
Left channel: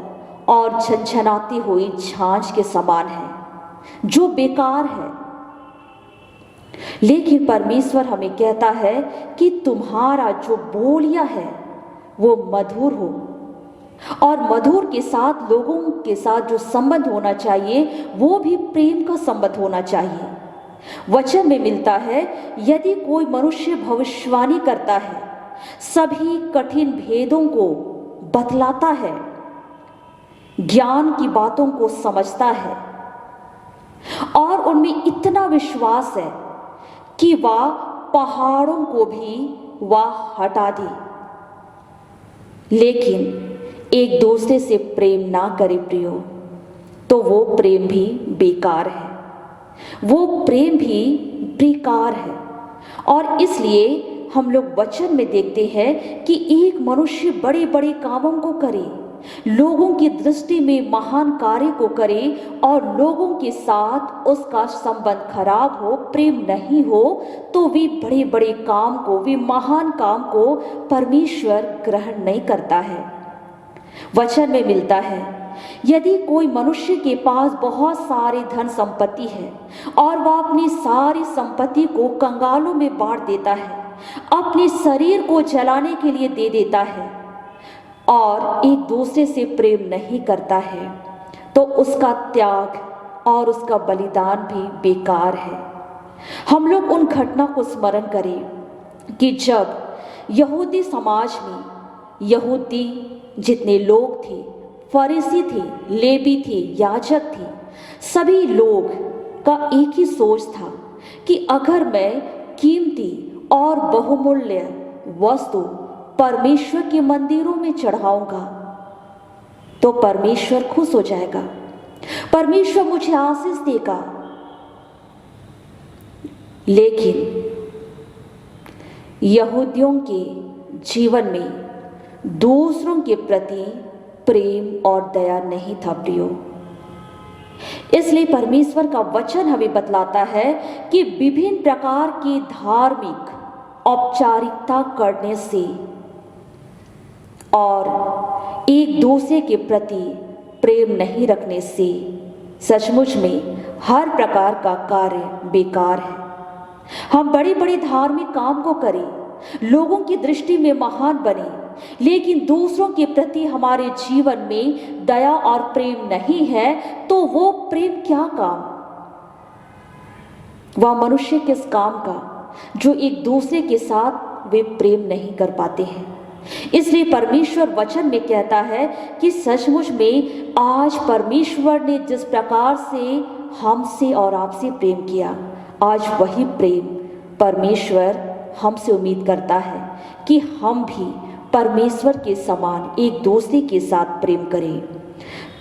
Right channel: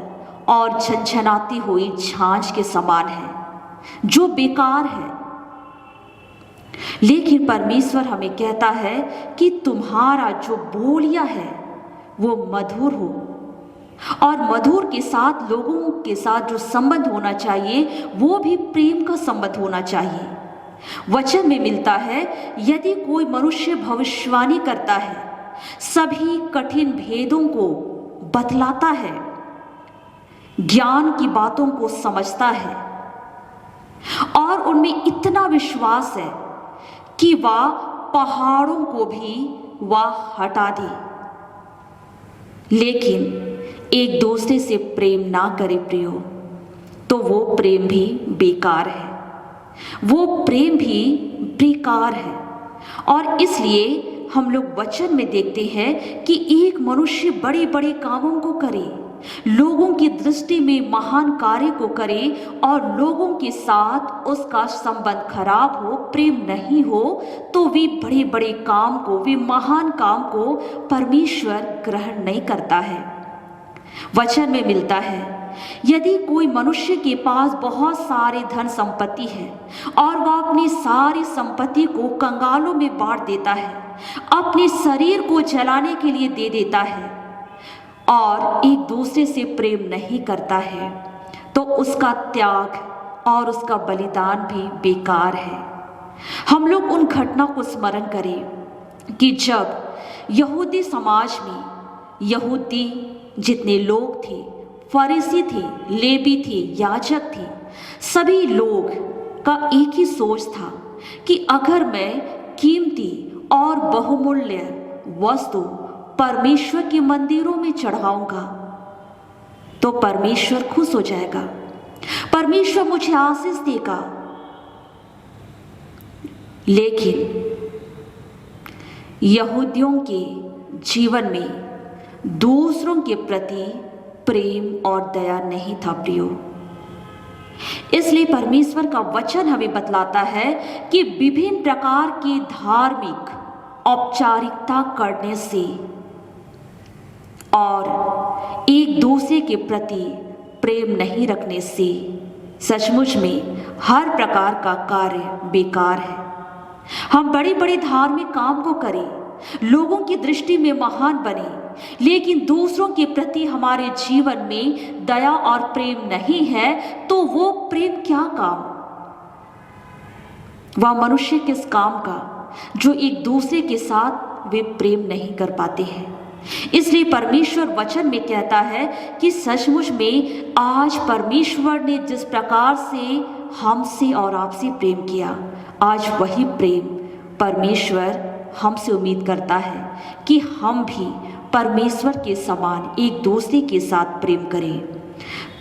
और झनझनाती हुई झांझ के समान है, जो बेकार है। लेकिन परमेश्वर हमें कहता है कि तुम्हारा जो बोलियां है वो मधुर हो, और मधुर के साथ लोगों के साथ जो संबंध होना चाहिए वो भी प्रेम का संबंध होना चाहिए। वचन में मिलता है, यदि कोई मनुष्य भविष्यवाणी करता है, सभी कठिन भेदों को बतलाता है, ज्ञान की बातों को समझता है और उनमें इतना विश्वास है कि वह पहाड़ों को भी वह हटा दे, लेकिन एक दूसरे से प्रेम ना करे प्रियो, तो वो प्रेम भी बेकार है, वो प्रेम भी बेकार है। और इसलिए हम लोग वचन में देखते हैं कि एक मनुष्य बड़े बड़े कामों को करे, लोगों की दृष्टि में महान कार्य को करे और लोगों के साथ उसका संबंध खराब हो, प्रेम नहीं हो, तो वे बड़े बड़े काम को, वे महान काम को परमेश्वर ग्रहण नहीं करता है। वचन में मिलता है, यदि कोई मनुष्य के पास बहुत सारे धन संपत्ति है और वह अपनी सारी संपत्ति को कंगालों में बांट देता है, अपने शरीर को जलाने के लिए दे देता है और एक दूसरे से प्रेम नहीं करता है, तो उसका त्याग और उसका बलिदान भी बेकार है। हम लोग उन घटना को स्मरण करें कि जब यहूदी समाज में यहूदी जितने लोग थे, फरीसी थे, लेवी थे, याजक थे, सभी लोग का एक ही सोच था कि अगर मैं कीमती और बहुमूल्य वस्तु परमेश्वर के मंदिरों में चढ़ाऊंगा तो परमेश्वर खुश हो जाएगा, परमेश्वर मुझे आशीष देगा। लेकिन यहूदियों के जीवन में दूसरों के प्रति प्रेम और दया नहीं था प्रियो। इसलिए परमेश्वर का वचन हमें बतलाता है कि विभिन्न प्रकार की धार्मिक औपचारिकता करने से और एक दूसरे के प्रति प्रेम नहीं रखने से सचमुच में हर प्रकार का कार्य बेकार है। हम बड़े बड़े धार्मिक काम को करें, लोगों की दृष्टि में महान बने, लेकिन दूसरों के प्रति हमारे जीवन में दया और प्रेम नहीं है, तो वो प्रेम क्या काम? वह मनुष्य किस काम का जो एक दूसरे के साथ वे प्रेम नहीं कर पाते हैं। इसलिए परमेश्वर वचन में कहता है कि सचमुच में आज परमेश्वर ने जिस प्रकार से हमसे और आपसे प्रेम किया, आज वही प्रेम परमेश्वर हमसे उम्मीद करता है कि हम भी परमेश्वर के समान एक दूसरे के साथ प्रेम करें।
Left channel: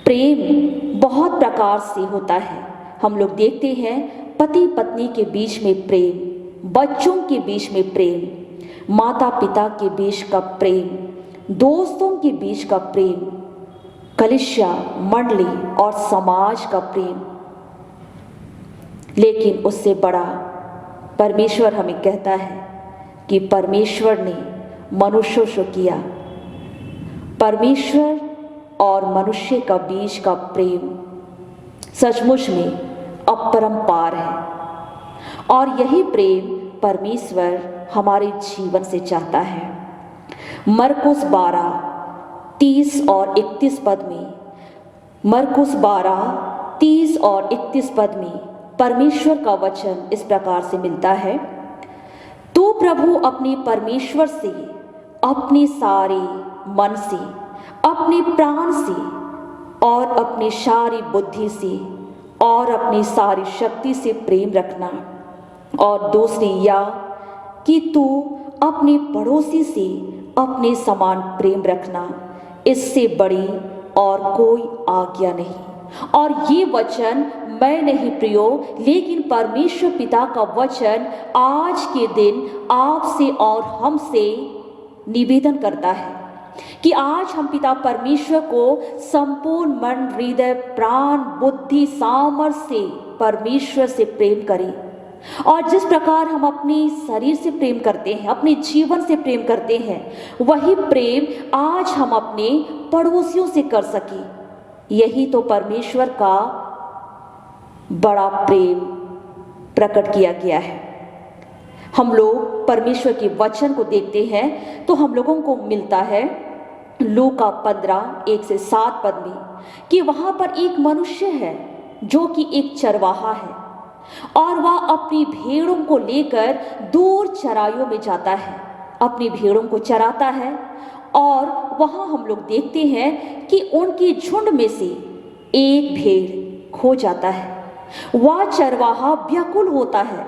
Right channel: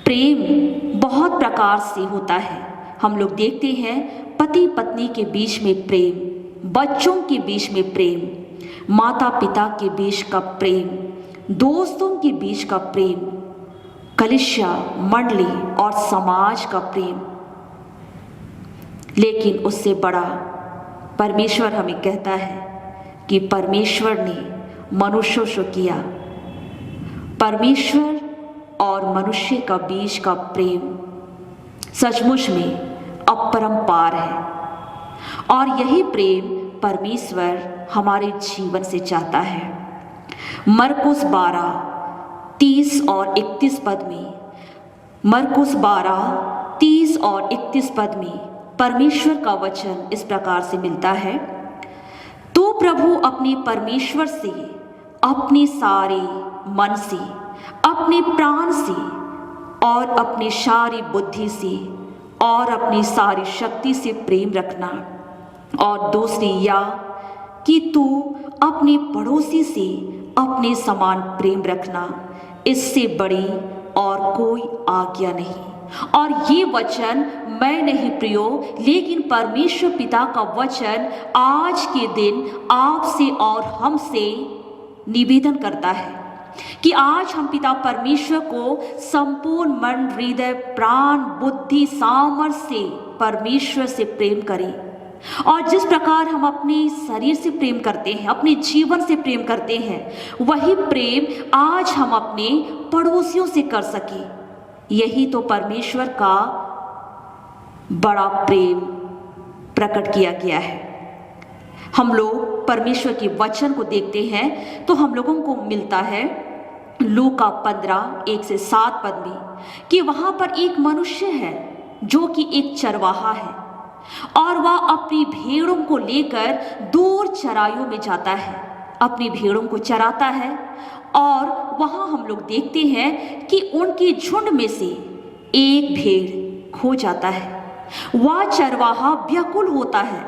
प्रेम बहुत प्रकार से होता है। हम लोग देखते हैं पति पत्नी के बीच में प्रेम, बच्चों के बीच में प्रेम, माता पिता के बीच का प्रेम, दोस्तों के बीच का प्रेम, कलीसिया मंडली और समाज का प्रेम। लेकिन उससे बड़ा परमेश्वर हमें कहता है कि परमेश्वर ने मनुष्यों से किया। परमेश्वर और मनुष्य का बीच का प्रेम सचमुच में अपरंपार है और यही प्रेम परमेश्वर हमारे जीवन से चाहता है। मरकुस 12:30 और 31 पद में, मरकुस 12:30 और 31 पद में परमेश्वर का वचन इस प्रकार से मिलता है, तो प्रभु अपने परमेश्वर से अपने सारे मन से, अपने प्राण से और अपनी सारी बुद्धि से और अपनी सारी शक्ति से प्रेम रखना, और दूसरी या कि तू अपने पड़ोसी से अपने समान प्रेम रखना, इससे बड़ी और कोई आज्ञा नहीं। और ये वचन मैं नहीं प्रियो, लेकिन परमेश्वर पिता का वचन आज के दिन आपसे और हमसे निवेदन करता है कि आज हम पिता परमेश्वर को संपूर्ण मन, हृदय, प्राण, बुद्धि, सामर्थ्य से परमेश्वर से प्रेम करें। और जिस प्रकार हम अपने शरीर से प्रेम करते हैं, अपने जीवन से प्रेम करते हैं, वही प्रेम आज हम अपने पड़ोसियों से कर सके। यही तो परमेश्वर का बड़ा प्रेम प्रकट किया गया है। हम लोग परमेश्वर के वचन को देखते हैं तो हम लोगों को मिलता है लूका 15:1-7 में कि वहां पर एक मनुष्य है जो कि एक चरवाहा है और वह अपनी भेड़ों को लेकर दूर चराइयों में जाता है, अपनी भेड़ों को चराता है। और वहां हम लोग देखते हैं कि उनके झुंड में से एक भेड़ खो जाता है। वह चरवाहा व्याकुल होता है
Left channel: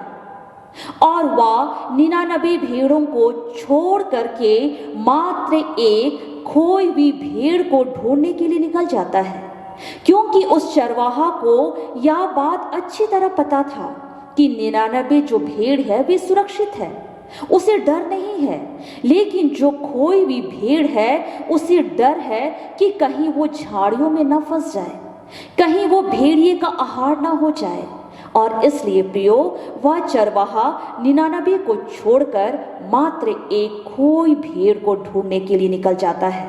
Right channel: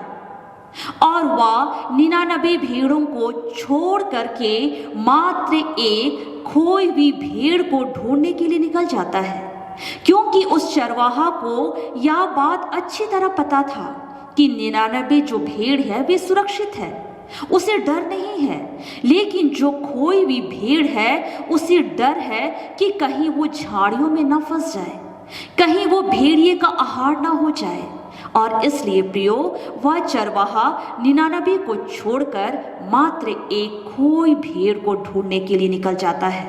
और वह 99 भेड़ों को छोड़ करके मात्र एक खोई हुई भेड़ को ढूंढने के लिए निकल जाता है, क्योंकि उस चरवाहा को यह बात अच्छी तरह पता था कि 99 जो भेड़ है वे सुरक्षित है, उसे डर नहीं है। लेकिन जो खोई हुई भेड़ है उसे डर है कि कहीं वो झाड़ियों में न फंस जाए, कहीं वो भेड़िए का आहार न हो जाए। और इसलिए प्रियो, वह चरवाहा 99 को छोड़कर मात्र एक खोई भेड़ को ढूंढने के लिए निकल जाता है।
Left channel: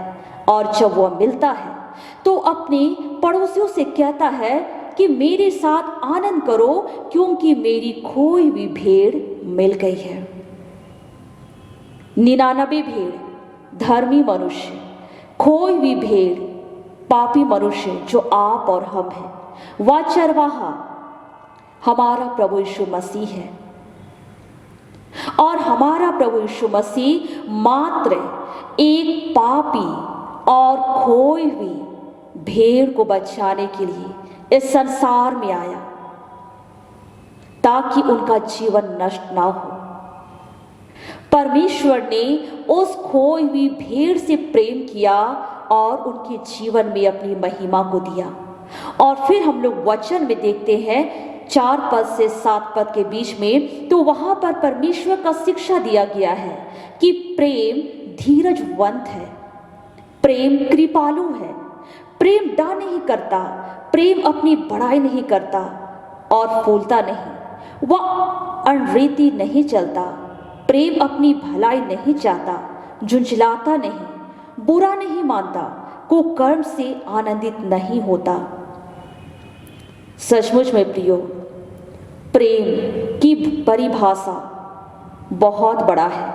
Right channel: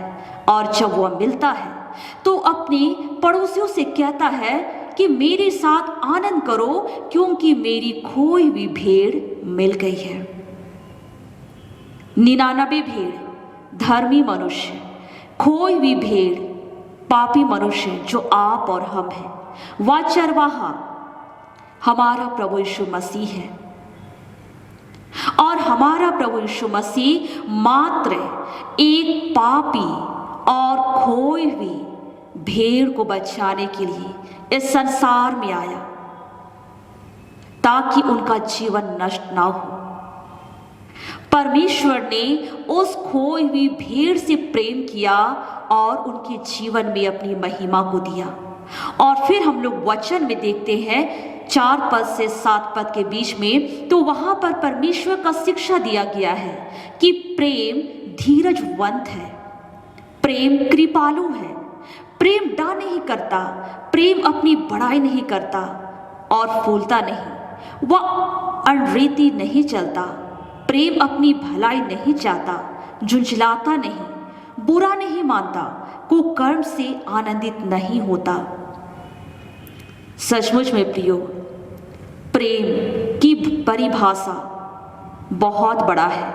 और जब वह मिलता है तो अपने पड़ोसियों से कहता है कि मेरे साथ आनंद करो, क्योंकि मेरी खोई हुई भेड़ मिल गई है। 99 भेड़ धर्मी मनुष्य, खोई हुई भेड़ पापी मनुष्य जो आप और हम हैं। वह चरवाहा हमारा प्रभु यीशु मसीह है और हमारा प्रभु यीशु मसीह मात्र एक पापी और खोई हुई भेड़ को बचाने के लिए इस संसार में आया ताकि उनका जीवन नष्ट ना हो। परमेश्वर ने उस खोई हुई भेड़ से प्रेम किया और उनके जीवन में अपनी महिमा को दिया। और फिर हम लोग वचन में देखते हैं 4 से 7 के बीच में, तो वहां पर परमेश्वर का शिक्षा दिया गया है कि प्रेम धीरजवंत है, प्रेम कृपालु है, प्रेम डा नहीं करता, प्रेम अपनी बड़ाई नहीं करता और फूलता नहीं, वह अनरेती नहीं चलता, प्रेम अपनी भलाई नहीं चाहता, झुंझलाता नहीं, बुरा नहीं मानता, कुकर्म से आनंदित नहीं होता। सचमुच में प्रियो, प्रेम की परिभाषा बहुत बड़ा है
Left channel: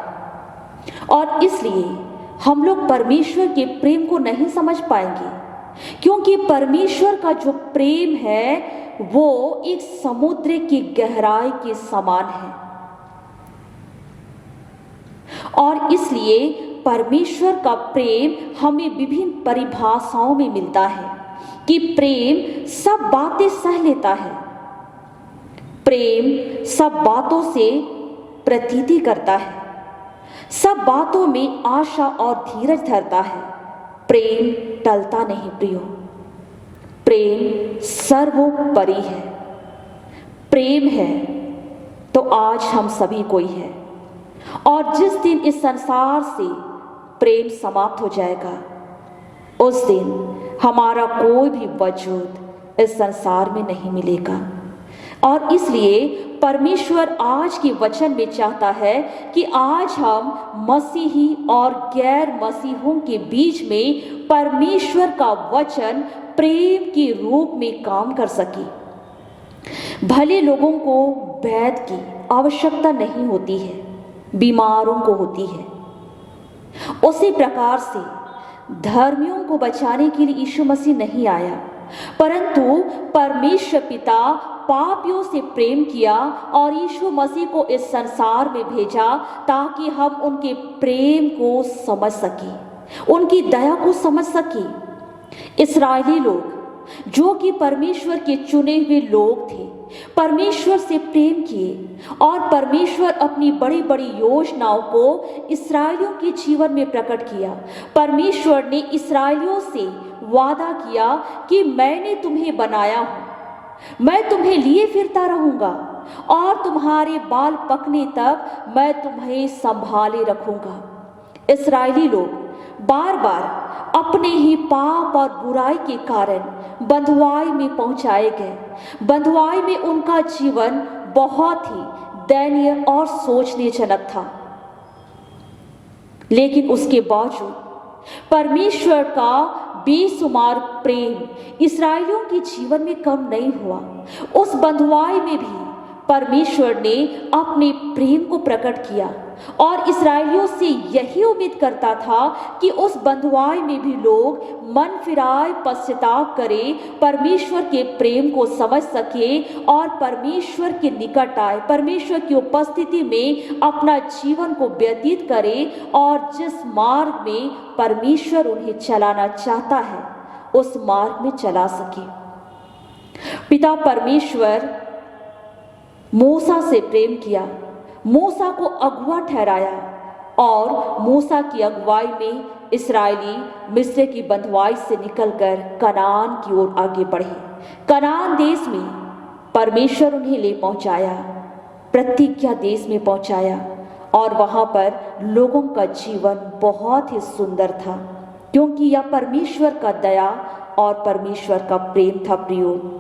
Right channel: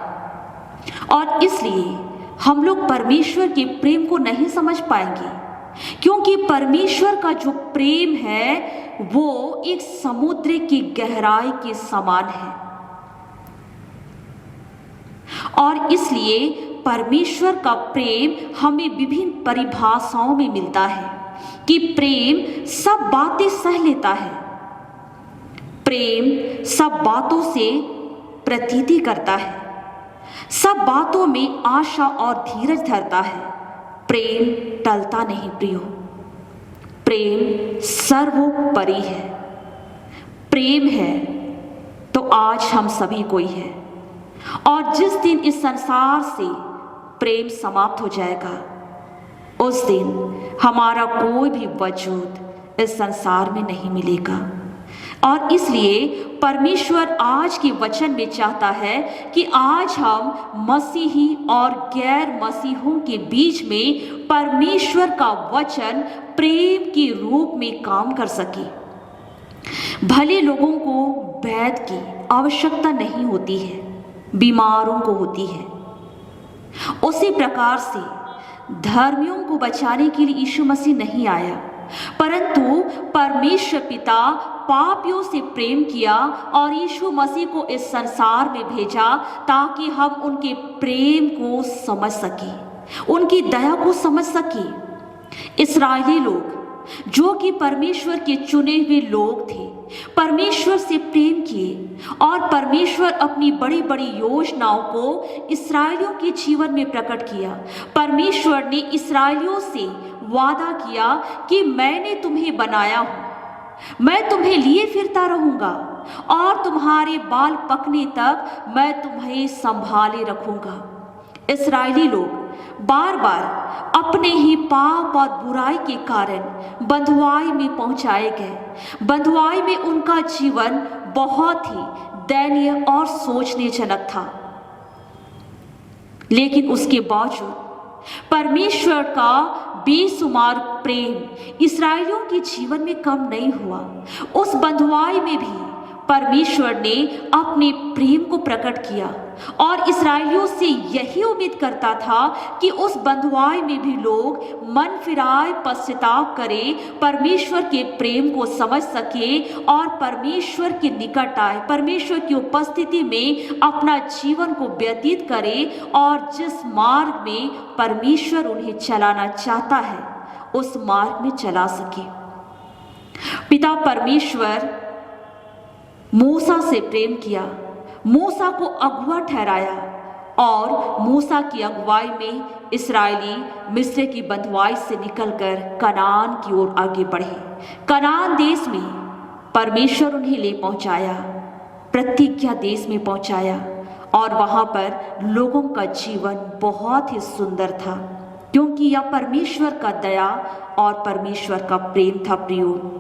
और इसलिए हम लोग परमेश्वर के प्रेम को नहीं समझ पाएंगे, क्योंकि परमेश्वर का जो प्रेम है वो एक समुद्र की गहराई के समान है। और इसलिए परमेश्वर का प्रेम हमें विभिन्न परिभाषाओं में मिलता है कि प्रेम सब बातें सह लेता है, प्रेम सब बातों से प्रतीति करता है, सब बातों में आशा और धीरज धरता है, प्रेम टलता नहीं प्रियो, प्रेम सर्वोपरि है। प्रेम है तो आज हम सभी कोई है, और जिस दिन इस संसार से प्रेम समाप्त हो जाएगा उस दिन हमारा कोई भी वजूद इस संसार में नहीं मिलेगा। और इसलिए परमेश्वर आज के वचन में चाहता है कि आज हम मसीही और गैर मसीहों के बीच में परमेश्वर का वचन प्रेम के रूप में काम कर सके। भले लोगों को वैद्य की आवश्यकता नहीं होती है, बीमारों को होती है, उसी प्रकार से धर्मियों को बचाने के लिए यीशु मसीह नहीं आया, परंतु परमेश्वर पिता पापियों से प्रेम किया और यीशु मसीह को इस संसार में भेजा ताकि हम उनके प्रेम को समझ सकें, उनकी दया को समझ सकें। इस्राएली लोग जो कि परमेश्वर के चुने हुए लोग थे, परमेश्वर से प्रेम किए और परमेश्वर अपनी बड़ी बड़ी योजनाओं को इस्राएलियों के जीवन में प्रकट किया। परमेश्वर ने इस्राएलियों से वादा किया कि मैंने तुम्हें बनाया हूँ, मैं तुम्हें लिए फिरता रहूंगा और तुम्हारे बाल पकने तक मैं तुम्हें संभाले रखूंगा। इस्राएली लोग बार बार अपने ही पाप और बुराई के कारण बंधुआई में पहुंचाए गए। बंधुआई में उनका जीवन बहुत ही दयनीय और सोचनीयजनक था, लेकिन उसके बावजूद परमेश्वर का बेशुमार प्रेम इस्राएलियों के जीवन में कम नहीं हुआ। उस बंधुआई में भी परमेश्वर ने अपने प्रेम को प्रकट किया और इस्राएलियों से यही उम्मीद करता था कि उस बंधुआई में भी लोग मन फिराए, पश्चाताप करें, परमेश्वर के प्रेम को समझ सके और परमेश्वर के निकट आए, परमेश्वर की उपस्थिति में अपना जीवन को व्यतीत करे और जिस मार्ग में परमेश्वर उन्हें चलाना चाहता है उस मार्ग में चला सके। पिता परमेश्वर मूसा से प्रेम किया, मूसा को अगुआ ठहराया और मूसा की अगुवाई में इस्राएली मिस्र की बंधुआई से निकलकर कनान की ओर आगे बढ़े। कनान देश में परमेश्वर उन्हें ले पहुंचाया, प्रतिज्ञा देश में पहुंचाया और वहां पर लोगों का जीवन बहुत ही सुंदर था, क्योंकि यह परमेश्वर का दया और परमेश्वर का प्रेम था। प्रियो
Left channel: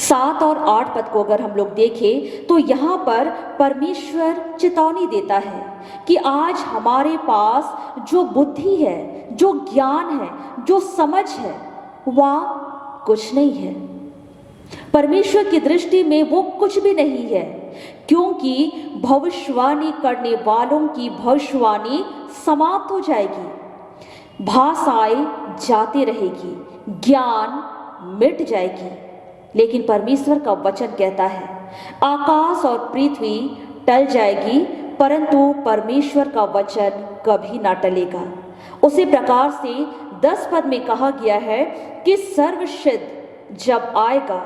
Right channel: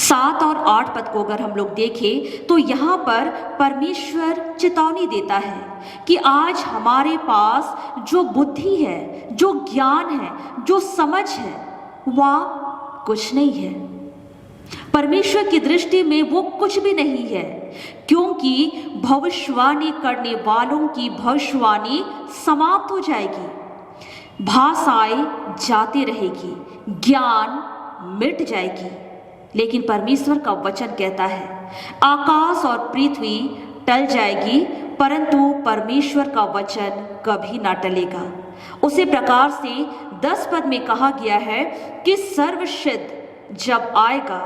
7 और 8 पद को अगर हम लोग देखें तो यहाँ पर परमेश्वर चेतावनी देता है कि आज हमारे पास जो बुद्धि है, जो ज्ञान है, जो समझ है, वह कुछ नहीं है। परमेश्वर की दृष्टि में वो कुछ भी नहीं है, क्योंकि भविष्यवाणी करने वालों की भविष्यवाणी समाप्त हो जाएगी, भाषाएं जाती रहेगी, ज्ञान मिट जाएगी। लेकिन परमेश्वर का वचन कहता है आकाश और पृथ्वी टल जाएगी परंतु परमेश्वर का वचन कभी ना टलेगा। उसी प्रकार से 10 पद में कहा गया है कि सर्वसिद्ध जब आएगा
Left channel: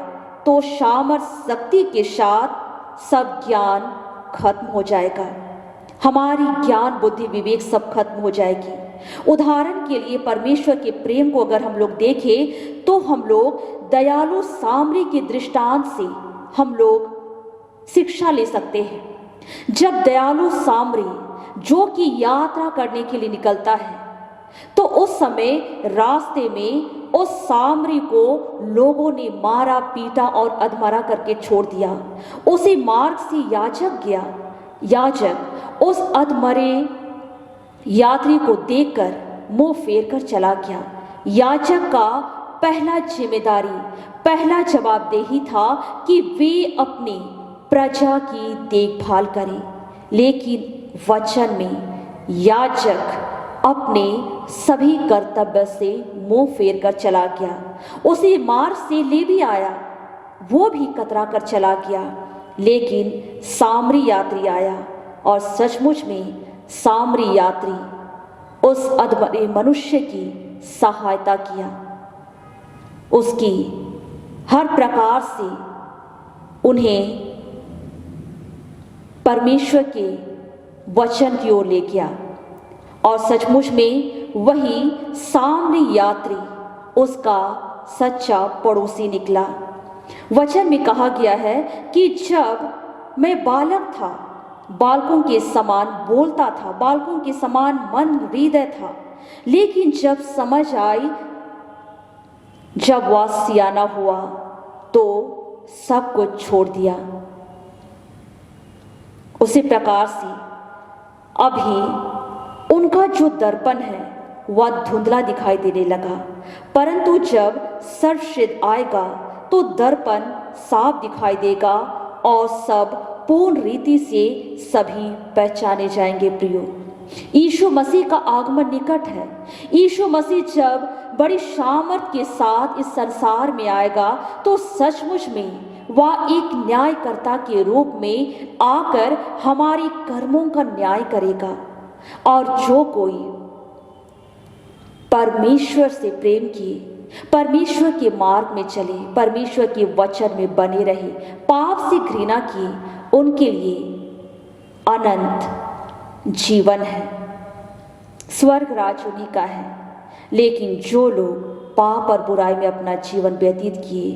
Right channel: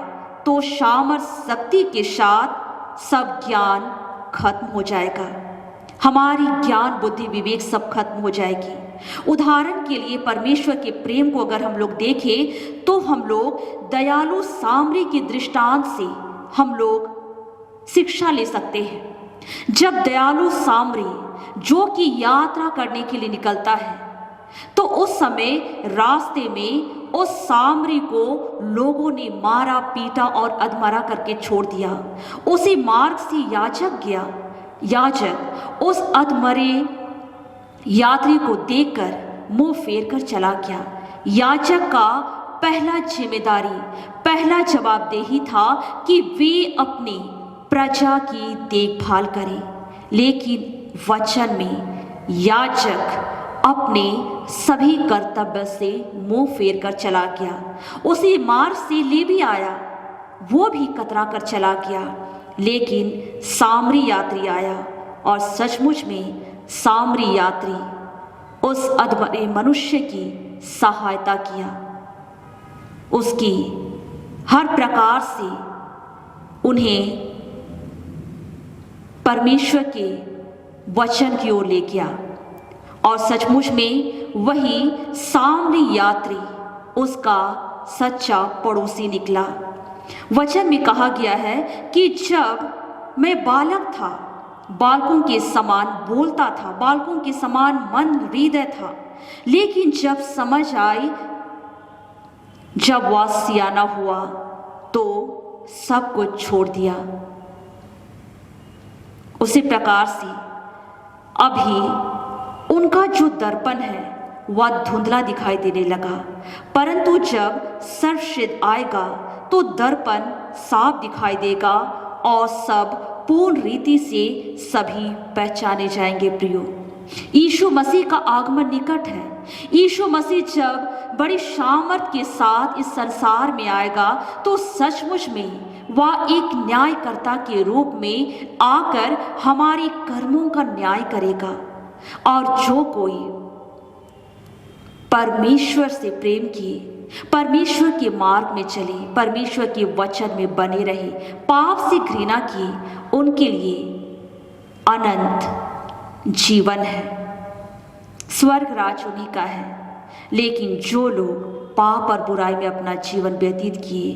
तो सामर्थ शक्ति के साथ सब ज्ञान खत्म हो जाएगा। हमारी ज्ञान बुद्धि विवेक सब खत्म हो जाएगी। उदाहरण के लिए परमेश्वर के प्रेम को अगर हम लोग देखें तो हम लोग दयालु सामरी के दृष्टांत से हम लोग शिक्षा ले सकते हैं। जब दयालु सामरी जो कि यात्रा करने के लिए निकलता है तो उस समय रास्ते में उस सामरी को लोगों ने मारा, पीटा और अधमरा करके छोड़ दिया। उसी मार्ग से याजक गया। याजक उस अधमरे यात्री को देखकर मुंह फेर कर चला गया। याजक का पहला जिम्मेदारी, पहला जवाबदेही था कि वे अपनी प्रजा की देखभाल करें, लेकिन वचन में याजक अपने सभी कर्तव्य से मुंह फेर कर चला गया। उसी मार्ग से लेवी आया, वो भी कतरा कर चला गया, लेकिन सामरी यात्री आया और सचमुच में सामरी यात्री उस अधमरे मनुष्य की सहायता किया, उसकी हर प्रकार से उन्हें परमेश्वर के वचन की ओर ले गया और सचमुच में वही सामरी यात्री उसका सच्चा पड़ोसी निकला। वचन में कहा गया है कि जब मैं बालक था, बालकों के समान बोलता था, बालकों के समान मन हृदय था, लेकिन जब समझ आई, जब वह सियाना हुआ तो सब कुछ छोड़ दिया। उसी प्रकार से अभी उनका जो दर्पण है वह धुंधला दिखाई देने लगा, परंतु जब सर्वसिद्ध आएगा तो दर्पण साफ दिखाई देगा और सब पूर्ण रीति से सभी पहचाने जाएंगे। प्रियो, यीशु मसीह का आगमन निकट है। यीशु मसीह जब बड़ी सामर्थ के साथ इस संसार में आएगा तो सचमुच में वह एक न्यायकर्ता के रूप में आकर हमारे कर्मों का न्याय करेगा। और जो कोई परमेश्वर से प्रेम किए, परमेश्वर के मार्ग में चले, परमेश्वर के वचन में बने रहे, पाप से घृणा किए, उनके लिए अनंत जीवन है, स्वर्ग राज उन्हीं का है। लेकिन जो लोग पाप और बुराई में अपना जीवन व्यतीत किए,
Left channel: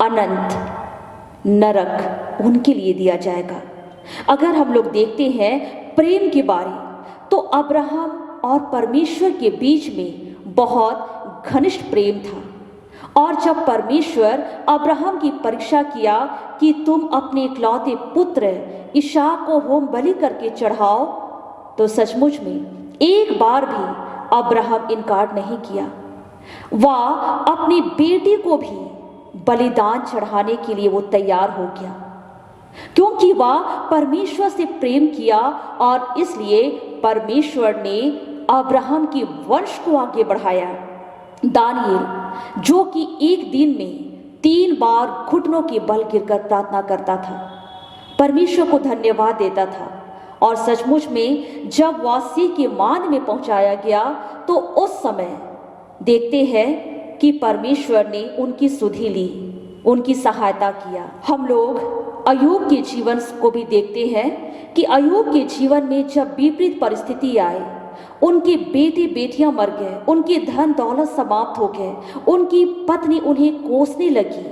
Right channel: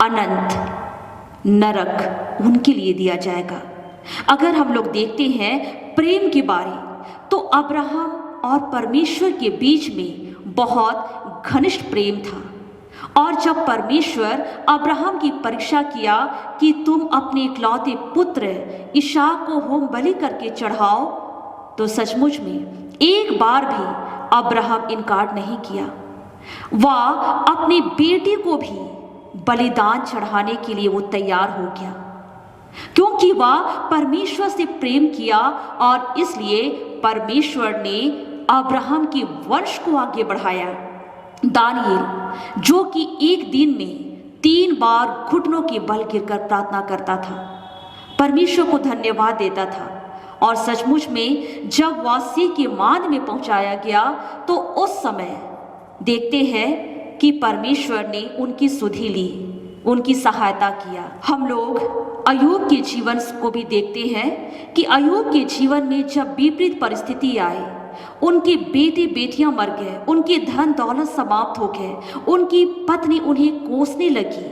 अनंत नरक उनके लिए दिया जाएगा। अगर हम लोग देखते हैं प्रेम के बारे, तो अब्राहम और परमेश्वर के बीच में बहुत घनिष्ठ प्रेम था। और जब परमेश्वर अब्राहम की परीक्षा किया कि तुम अपने इकलौते पुत्र इसहाक को होम बलि करके चढ़ाओ, तो सचमुच में एक बार भी अब्राहम इनकार नहीं किया। वह अपने बेटे को भी बलिदान चढ़ाने के लिए वो तैयार हो गया, क्योंकि वह परमेश्वर से प्रेम किया। और इसलिए परमेश्वर ने अब्राहम के वंश को आगे बढ़ाया। दानियेल, जो कि एक दिन में 3 बार घुटनों के बल गिरकर प्रार्थना करता था, परमेश्वर को धन्यवाद देता था। और सचमुच में जब वह सिंह के मांद में पहुंचाया गया, तो उस समय देखते हैं कि परमेश्वर ने उनकी सुधि ली, उनकी सहायता किया। हम लोग अय्यूब के जीवन को भी देखते हैं कि अय्यूब के जीवन में जब विपरीत परिस्थिति आए, उनके बेटे बेटियां मर गए, उनके धन दौलत समाप्त हो गए, उनकी पत्नी उन्हें कोसने लगी।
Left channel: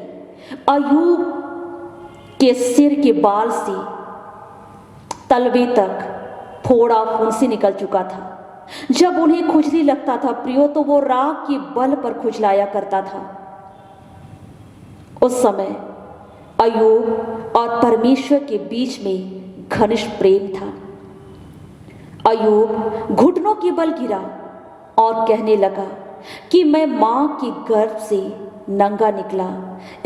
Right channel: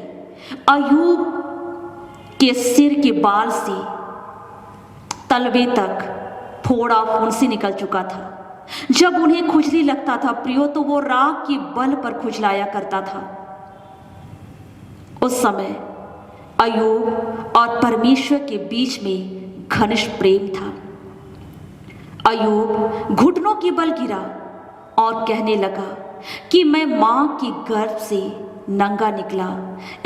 अय्यूब के सिर के बाल से तलवे तक फोड़ा फुंसी निकल चुका था। जब उन्हें खुजली लगता था प्रियो, तो वो राख के बल पर खुजलाया करता था। उस समय अय्यूब और परमेश्वर के बीच में घनिष्ठ प्रेम था। अय्यूब घुटनों के बल गिरा और कहने लगा कि मैं मां के गर्भ से नंगा निकला,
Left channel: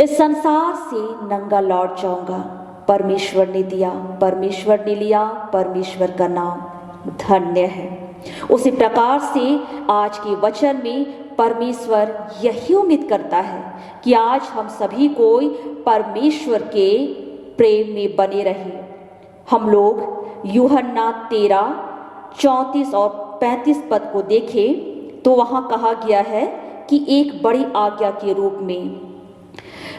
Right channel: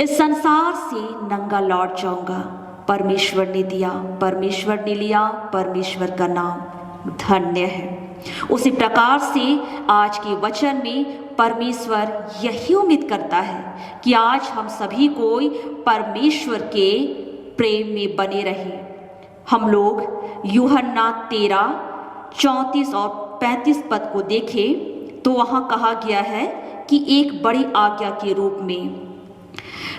इस संसार से नंगा लौट जाऊंगा। परमेश्वर ने दिया, परमेश्वर ने लिया, परमेश्वर का नाम धन्य है। उसी प्रकार से आज के वचन में परमेश्वर यही उम्मीद करता है कि आज हम सभी कोई परमेश्वर के प्रेम में बने रहे। हम लोग यूहन्ना 13:34 और 35 पद को देखें, तो वहां कहा गया है कि एक बड़ी आज्ञा के रूप में,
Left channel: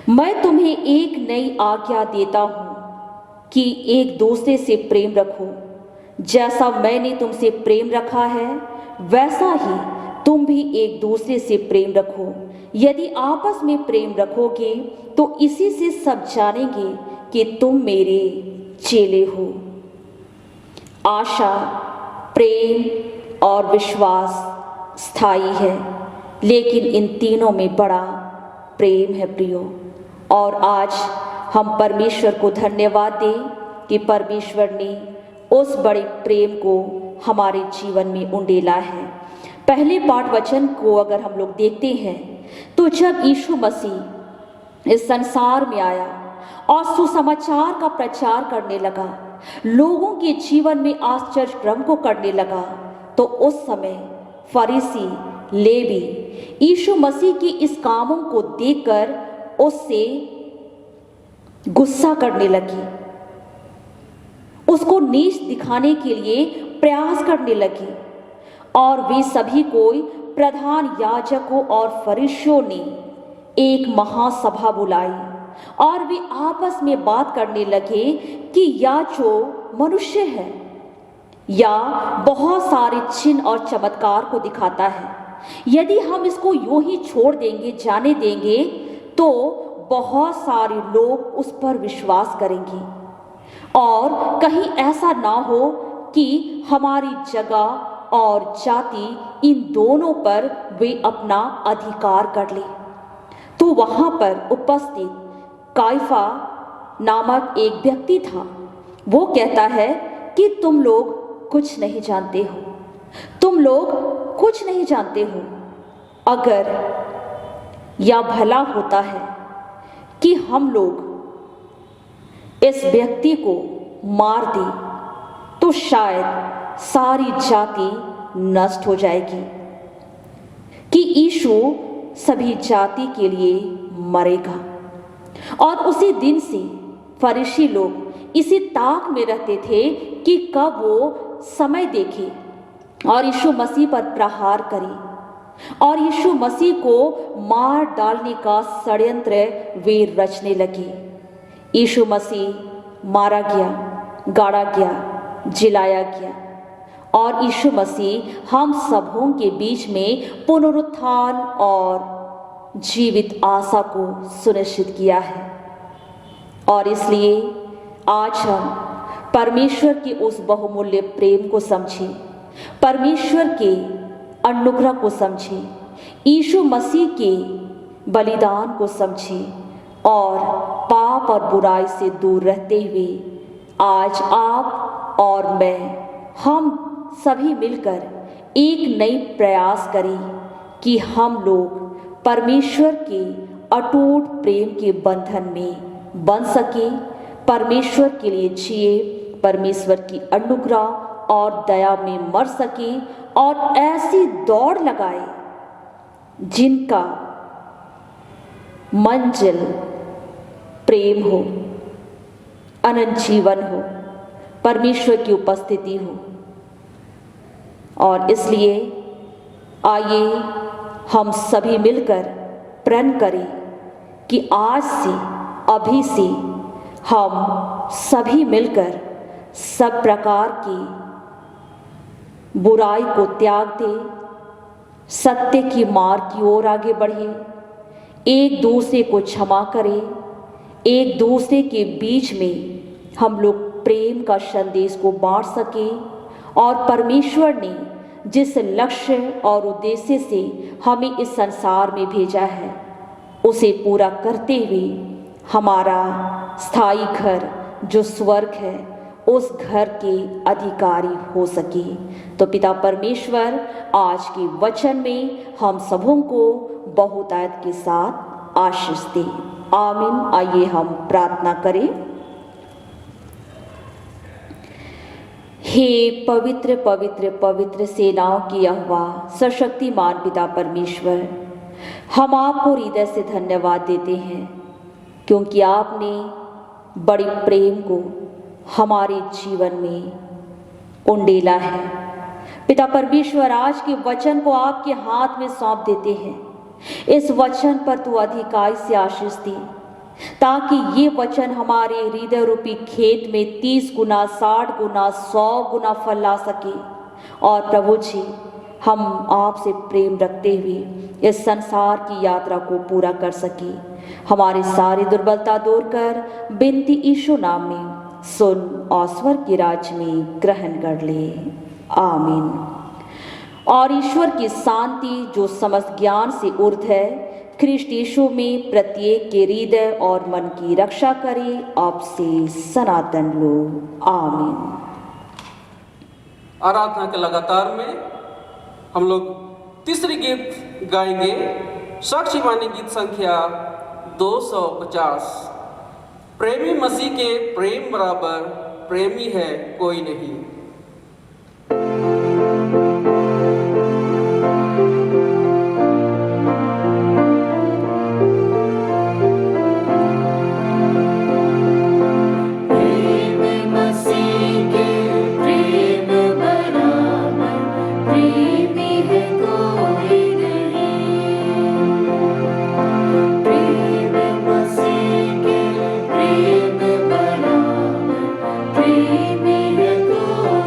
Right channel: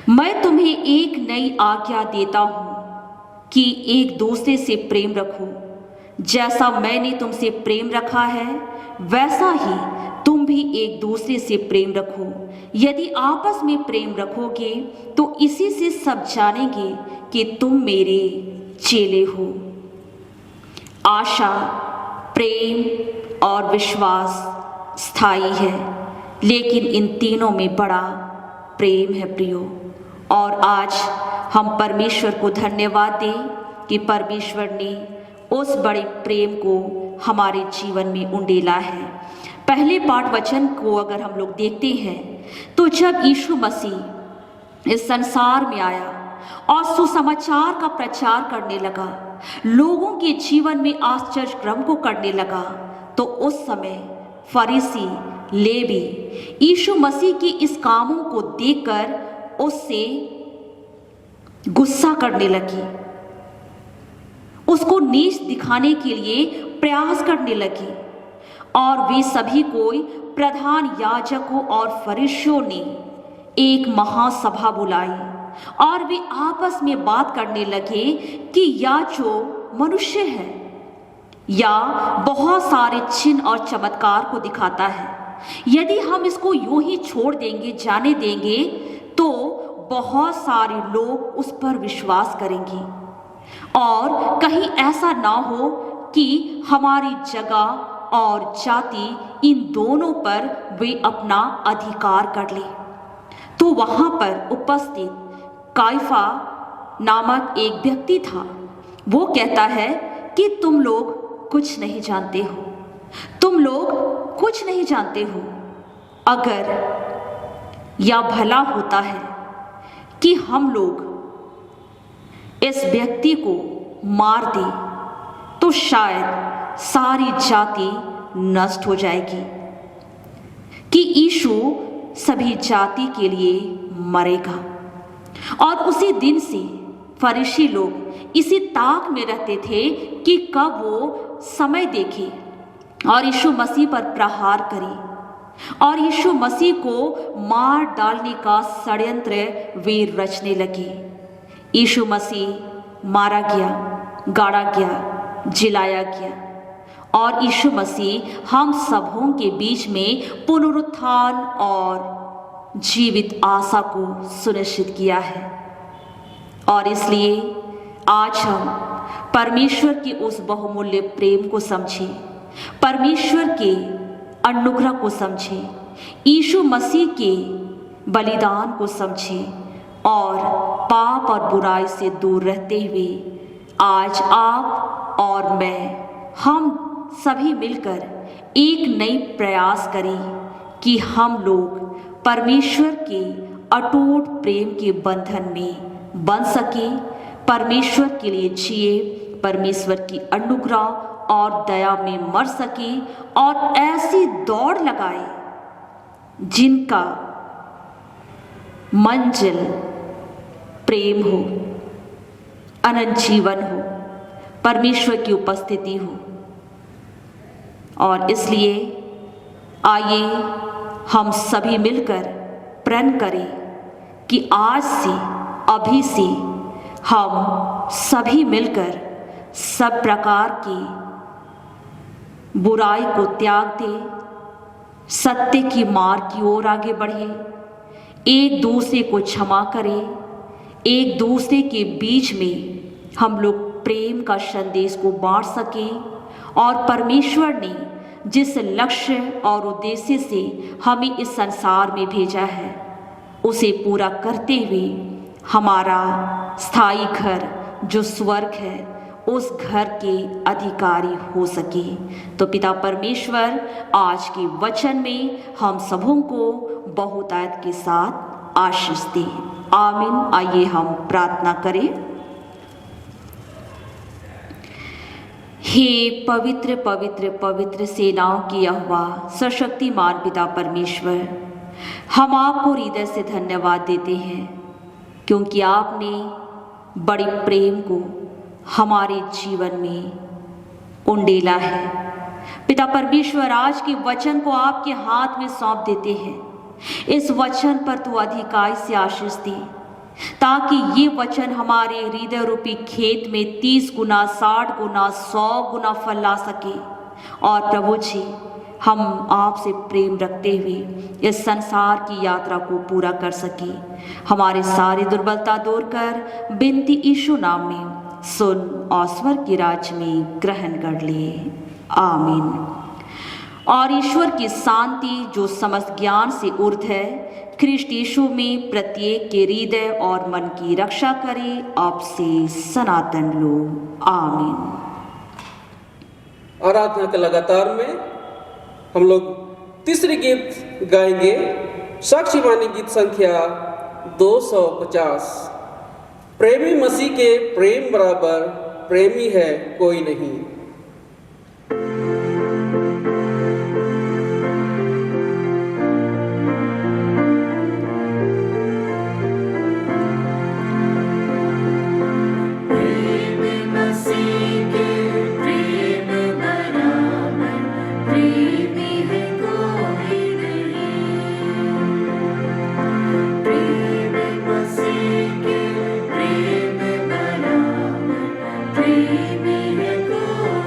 मैं तुम्हें एक नई आज्ञा देता हूं कि एक दूसरे से प्रेम रखो। जैसा मैंने तुमसे प्रेम रखा है, वैसा ही तुम भी एक दूसरे से प्रेम रखो। यदि आपस में प्रेम रखोगे, तो इसी से सब जानेंगे कि तुम मेरे चेले हो। आशा, प्रेम और विश्वास स्थायी है, लेकिन इन तीनों में बड़ा प्रेम है प्रियो। और आज हम परमेश्वर को धन्यवाद दें कि परमेश्वर ने उस बड़े प्रेम को हमारे जीवन में उंडेला है। पहले पाठ वचन को अगर हम लोग देखते हैं, तो जब यीशु मसीह इस संसार में आया और सुसमाचार का प्रचार करने लगा, लोगों के जीवन में आश्चर्य क्रम को करने लगा, तो उस समय फरीसी लेवी यीशु मसीह के इस कामों को देखकर उससे गुस्सा करने लगी, उसको नीच दिखाने के लिए प्रयास करने लगी। और वे सभी कोई प्रधान याजकों और फरीसियों ने एक महासभा बुलाई और वे आपस में बात करने लगे कि या जो मनुष्य है या बहुत सारे चिन्ह और चमत्कार को दिखाता है, यदि हम इसको यूं ही छोड़ देंगे, जाने देंगे, तो बहुत सारे लोग उस पर विश्वास करेंगे। और कहीं ऐसा ना हो कि हमारी जगह और जाति इन दोनों पर वे अपना अधिकार कर ले। तो वहां पर उपस्थित काइफा नामक एक व्यक्ति था। वो कहता है कि तुम लोग कुछ नहीं जानते हो, तुम लोग कुछ नहीं जानते हो। अगर या भला होता है कि हम लोग इस व्यक्ति को मार दें, तो शायद सारी जाति नष्ट हो जाएगी, कि यीशु सभी जाति के लिए मरेगा। और उसी दिन से फरीसी लोग इसी ताक में रहते थे कि कब वो समय देखे और यीशु मसीह पर प्रहार करे और यीशु मसीह को मार डालने का षड्यंत्र वे रचने लगे। यीशु मसीह मारा गया, गाड़ा गया, जिलाया गया और यीशु मसीह हम सबों के बीच में पुनरुत्थान और जीवित आशा को सुनिश्चित किया है। और इसलिए आज हम परमेश्वर के उस बहुमूल्य प्रेम को समझें, परमेश्वर के अनुग्रह को समझें, यीशु मसीह के बलिदान को समझें और पाप और बुराई से दूर रहते हुए आज आप और मैं, हम सभी मिलकर एक नई प्रयास करें कि हम लोग परमेश्वर के अटूट प्रेम के बंधन में बन सके, परमेश्वर के लिए जिए, परमेश्वर की अनुग्रह और दया में मर सके और ऐसी दौड़ लगाए जिनका मंजिल प्रेम हो, अनंत जीवन हो, परमेश्वर की उपस्थिति हो। और इसलिए आइए हम सभी मिलकर प्रण करें कि आज से, अभी से हम सभी मिलकर सब प्रकार की बुराई को त्याग दें, सत्य की मार्ग की ओर आगे बढ़ें, एक दूसरे को क्षमा करें, एक दूसरे के बीच में हम लोग प्रेम का संदेश को बांट सकें और परमेश्वर ने जिस लक्ष्य और उद्देश्य से हमें इस संसार में भेजा है उसे पूरा करते हुए हमारा स्थायी घर जो स्वर्ग है उस घर के अधिकारी हो सके। तो पिता परमेश्वर आज के वचन में हम सबों को बहुतायत के साथ आशीष दे। आमीन। आइए हम प्रार्थना करें। हे पवित्र पवित्र पवित्र सेनाओं की यहोवा सर्वशक्तिमान पिता परमेश्वर, हम आपको हृदय से धन्यवाद देते हैं क्योंकि आपने बड़े प्रेम को हमारे जीवन में उंडेला है। पिता परमेश्वर, आज के वचन को आपके हाथ में सौंप देते हैं। इस वचन पर तू अधिकाई से आशीष दे ताकि ये वचन हमारे हृदय रूपी खेत में 30 गुना, 60 गुना, 100 गुना फल ला सके। और प्रभु जी, हम आपसे प्रेम रखते हुए इस संसार की यात्रा को पूरा कर सके। हमारी सारी दुर्बलता दूर कर बिनती यीशु नाम में सुन और स्वर्ग के राज्य में ग्रहण कर ले। आमीन। और ईश्वर की शांति जो समस्त ज्ञान से ऊर्ध्व है, ख्रिस्ट यीशु में प्रत्येक के हृदय और मन की रक्षा करे अब से सनातन लो। आमीन। आराधना के लगातार में हम लोग तीसरी गीत गाएंगे, साक्षी वाणी गीत संख्या 250। प्रेमी मसीह के प्रेम बराबर प्रेमी है कोई नहीं। प्रेम है कोई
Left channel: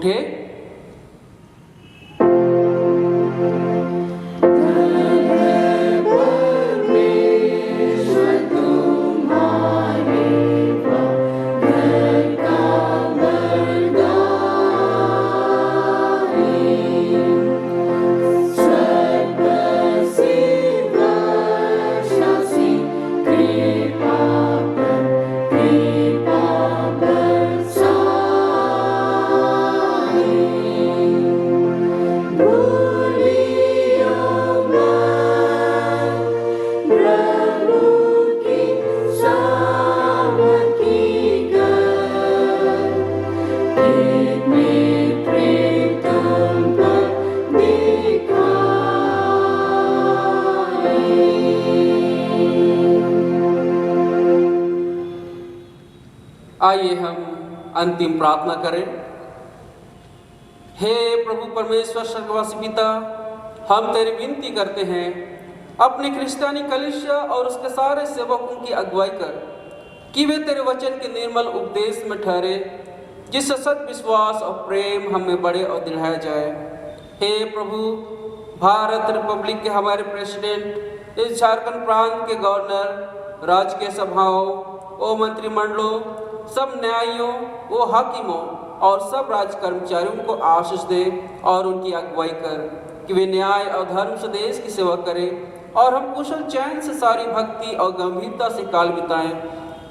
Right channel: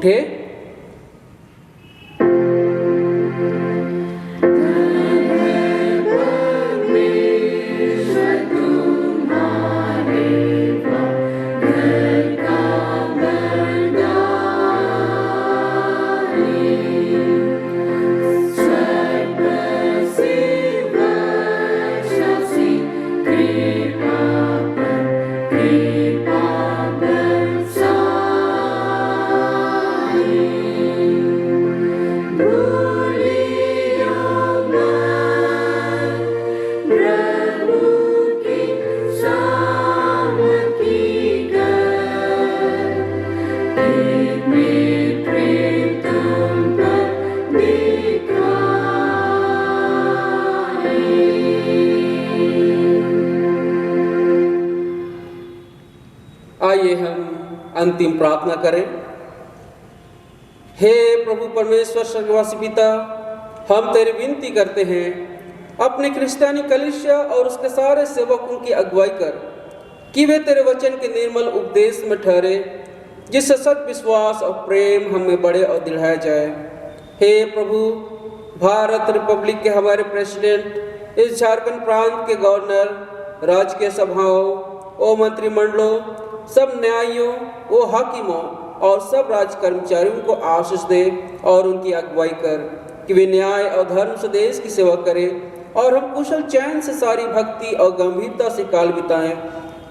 उठे। आइए हम अंतिम प्रार्थना करें। हे प्रभु परमेश्वर स्वर्गवासी पिता, हम तेरी विनती करते हैं, अपने क्रिस्तियानी कलीसिया और उसके सारे सेवकों की अगुवाई कर कि वे तेरे वचन के निर्मल उपदेश में ठहरे, जिससे सत विश्वास और प्रेम हमें बढ़े और दिलाया जाए। हे प्रभु, भारत रिपब्लिक के हमारे प्रेसिडेंट, इस झारखंड प्रांत के गवर्नर, राजकीय सभाओं और मंत्रिमंडलों, सब न्यायियों व हाकिमों और सब राज कर्मचारियों को आशीष दे और उनकी अगुवाई कर कि वे न्याय और धर्म से देश की सेवा करें और हम कुशल चैन से सारी भक्ति और गंभीरता से काल बिताएं।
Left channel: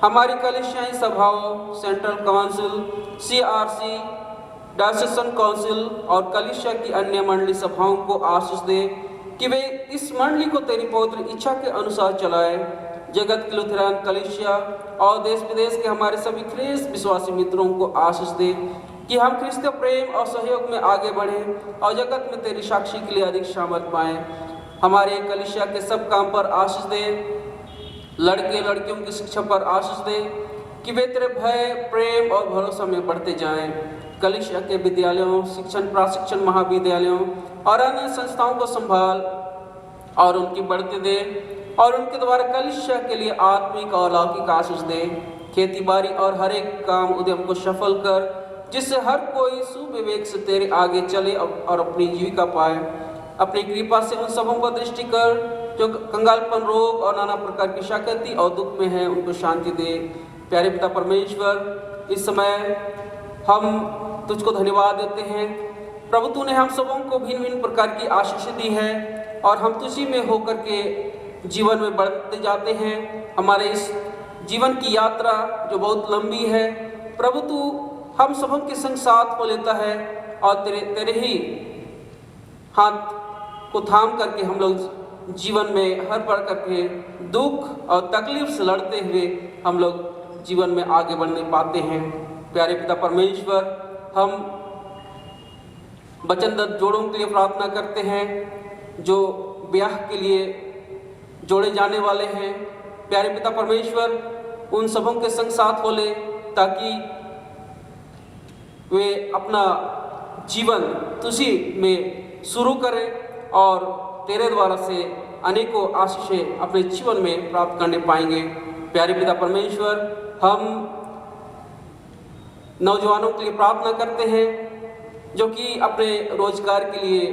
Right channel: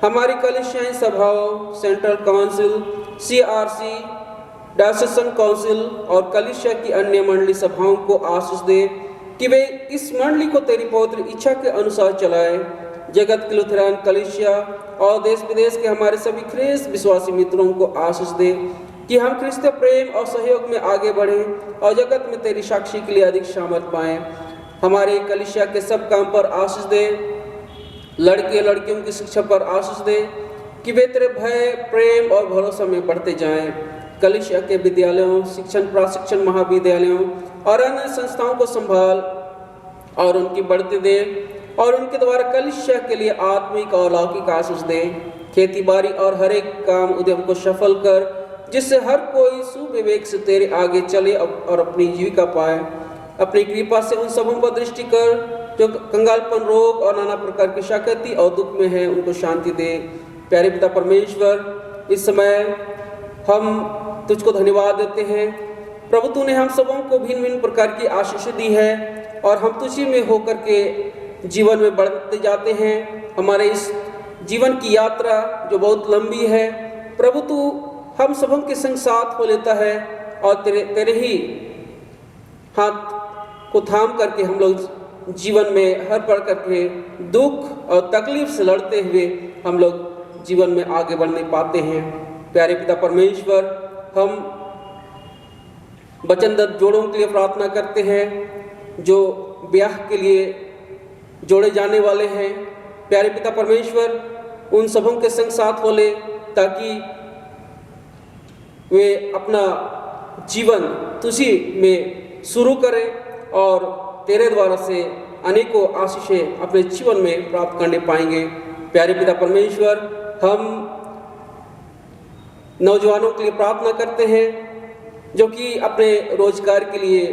हमारी कलीसियाई सभाओं, सेंट्रल काउंसिल, CRC, डायसेशन काउंसिल और कलीसिया की अन्य मंडली सभाओं को आशीष दे कि वे इस मंडली को तेरी पवित्र इच्छा के अनुसार चलाएं। जगत की लुथेरान कलीसिया और देश विदेश के हमारे सभी ख्रिस्त विश्वासी मित्रों को आशीष दे कि हम क्रिस्तीय प्रेम और सहयोग में आगे बढ़ें और जगत में तेरी साक्षी के लिए अधिक सामर्थ पाएं। हमारे कलीसिया के सब काम पर आशीष दे, लड़के लड़कियों की शिक्षा पर आशीष दे कि वे तेरे भय, प्रेम और भरोसा में बढ़ते जाएं। कलीसिया के विद्यालयों, शिक्षण प्रशिक्षण महाविद्यालयों और अन्य संस्थाओं को संभाल और उनकी बढ़ते दे और उनके द्वारा कलीसिया के लिए आत्मिक और लौकिक आशीष दे। खेती बाड़ी और हर एक काम उद्यम को सफल कर, जिससे हर कोई सुविवेक से तेरे आगे चले और अपनी जीविका पाए। अपनी कृपा से उन सबों पर दृष्टि कर जो कंगालपन, रोग और नाना प्रकार की शाकती और दुख में है, उनको शांति दे। प्यारे पिता परमेश्वर, इस समय हम तुझको धन्यवाद देते हैं। प्रभु, तूने हम सबों को भिन्न भिन्न प्रकार की आशीष दी है और हम तुझी में होकर के जीवन में बढ़ते जाते हैं। हमारे इस जीवन की यात्रा जो बहुत लंबी है, प्रभु तू हम सबों के संग साथ हो लेता है और तेरे ही हाथ को थाम करके हम लोग जीवन में हर पड़ करके दुख और तकलीफ से लड़ते हुए हम लोग जीवन में आगे बढ़ने पाते हैं। प्यारे पिता परमेश्वर, हम वचनदत्त जोड़ों के लिए प्रार्थना करते हैं जो ब्याह के लिए जोड़े जाने वाले हैं। प्यारे पिता परमेश्वर, उन सबों के संग साथ हो ले ताकि वे अपना जीवन तुझी में शुरू करें और तेरे द्वारा से अनेकों आशीषें अपने जीवन में प्राप्त करने पाएंगे। प्यारे पिता परमेश्वर, हम नौजवानों के लिए प्रार्थना करते हैं जो कि अपने रोजगार के लिए